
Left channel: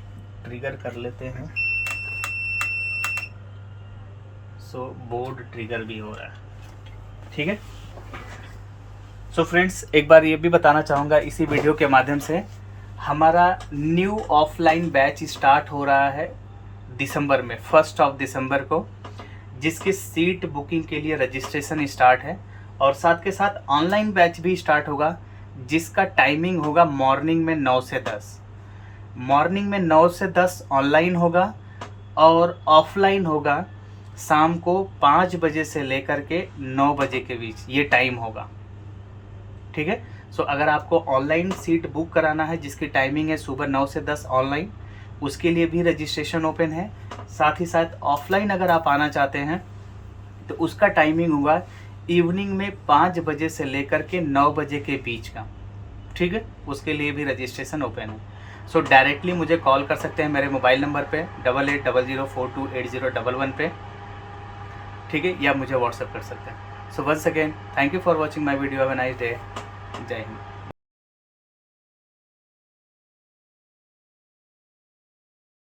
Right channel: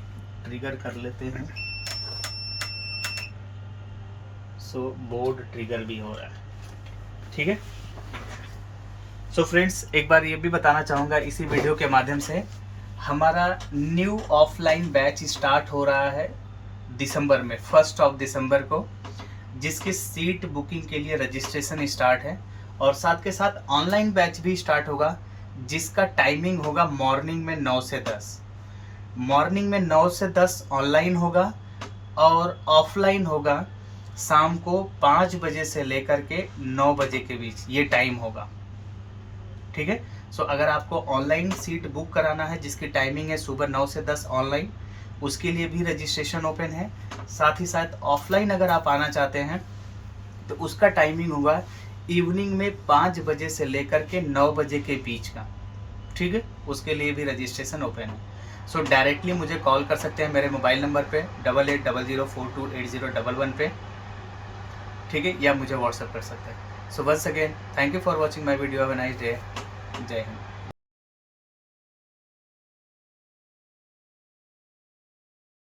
ट्रिगर कर लेते हैं। सो बोर्ड ट्रिगर भी हो रहा है। ठीक है, सो फ्रेंड्स एक बार ये भी बताना चाहूँगा इसी वीडियो के माध्यम से, हमारा न्यू ऑफलाइन बैच स्टार्ट हो रहा है दिसंबर में, 1 दिसंबर को, जिसकी सीट बुकिंग के लिए रजिस्ट्रेशन स्टार्ट है। और साथ के साथ ऑनलाइन बैच भी स्टार्ट होगा, जिसका टाइमिंग होगा मॉर्निंग में 9 से 10। मॉर्निंग में 9 से 10 ऑनलाइन होगा, और ऑफलाइन होगा शाम को 5 बजे से लेकर के 9 बजे के बीच, ये टाइम होगा। ठीक है, सो अगर आपको ऑनलाइन सीट बुक कराना है जिसकी टाइमिंग है सुबह 9 से 10 ऑनलाइन, उसके लिए भी रजिस्ट्रेशन ओपन है। साथ ही साथ ऑफलाइन अगर आप आना चाहते हैं तो उसका टाइमिंग होगा इवनिंग में 5 बजे से लेकर के 9 बजे के बीच का। ठीक है, उसके लिए भी रजिस्ट्रेशन ओपन है। सो डायरेक्टली मुझे कॉल कर सकते हैं मेरे मोबाइल नंबर पे 8800428011 पे। ठीक है, या मुझे व्हाट्सअप कर सकते हैं। So once again thank you for watching my video, have a nice day. जय हिंद।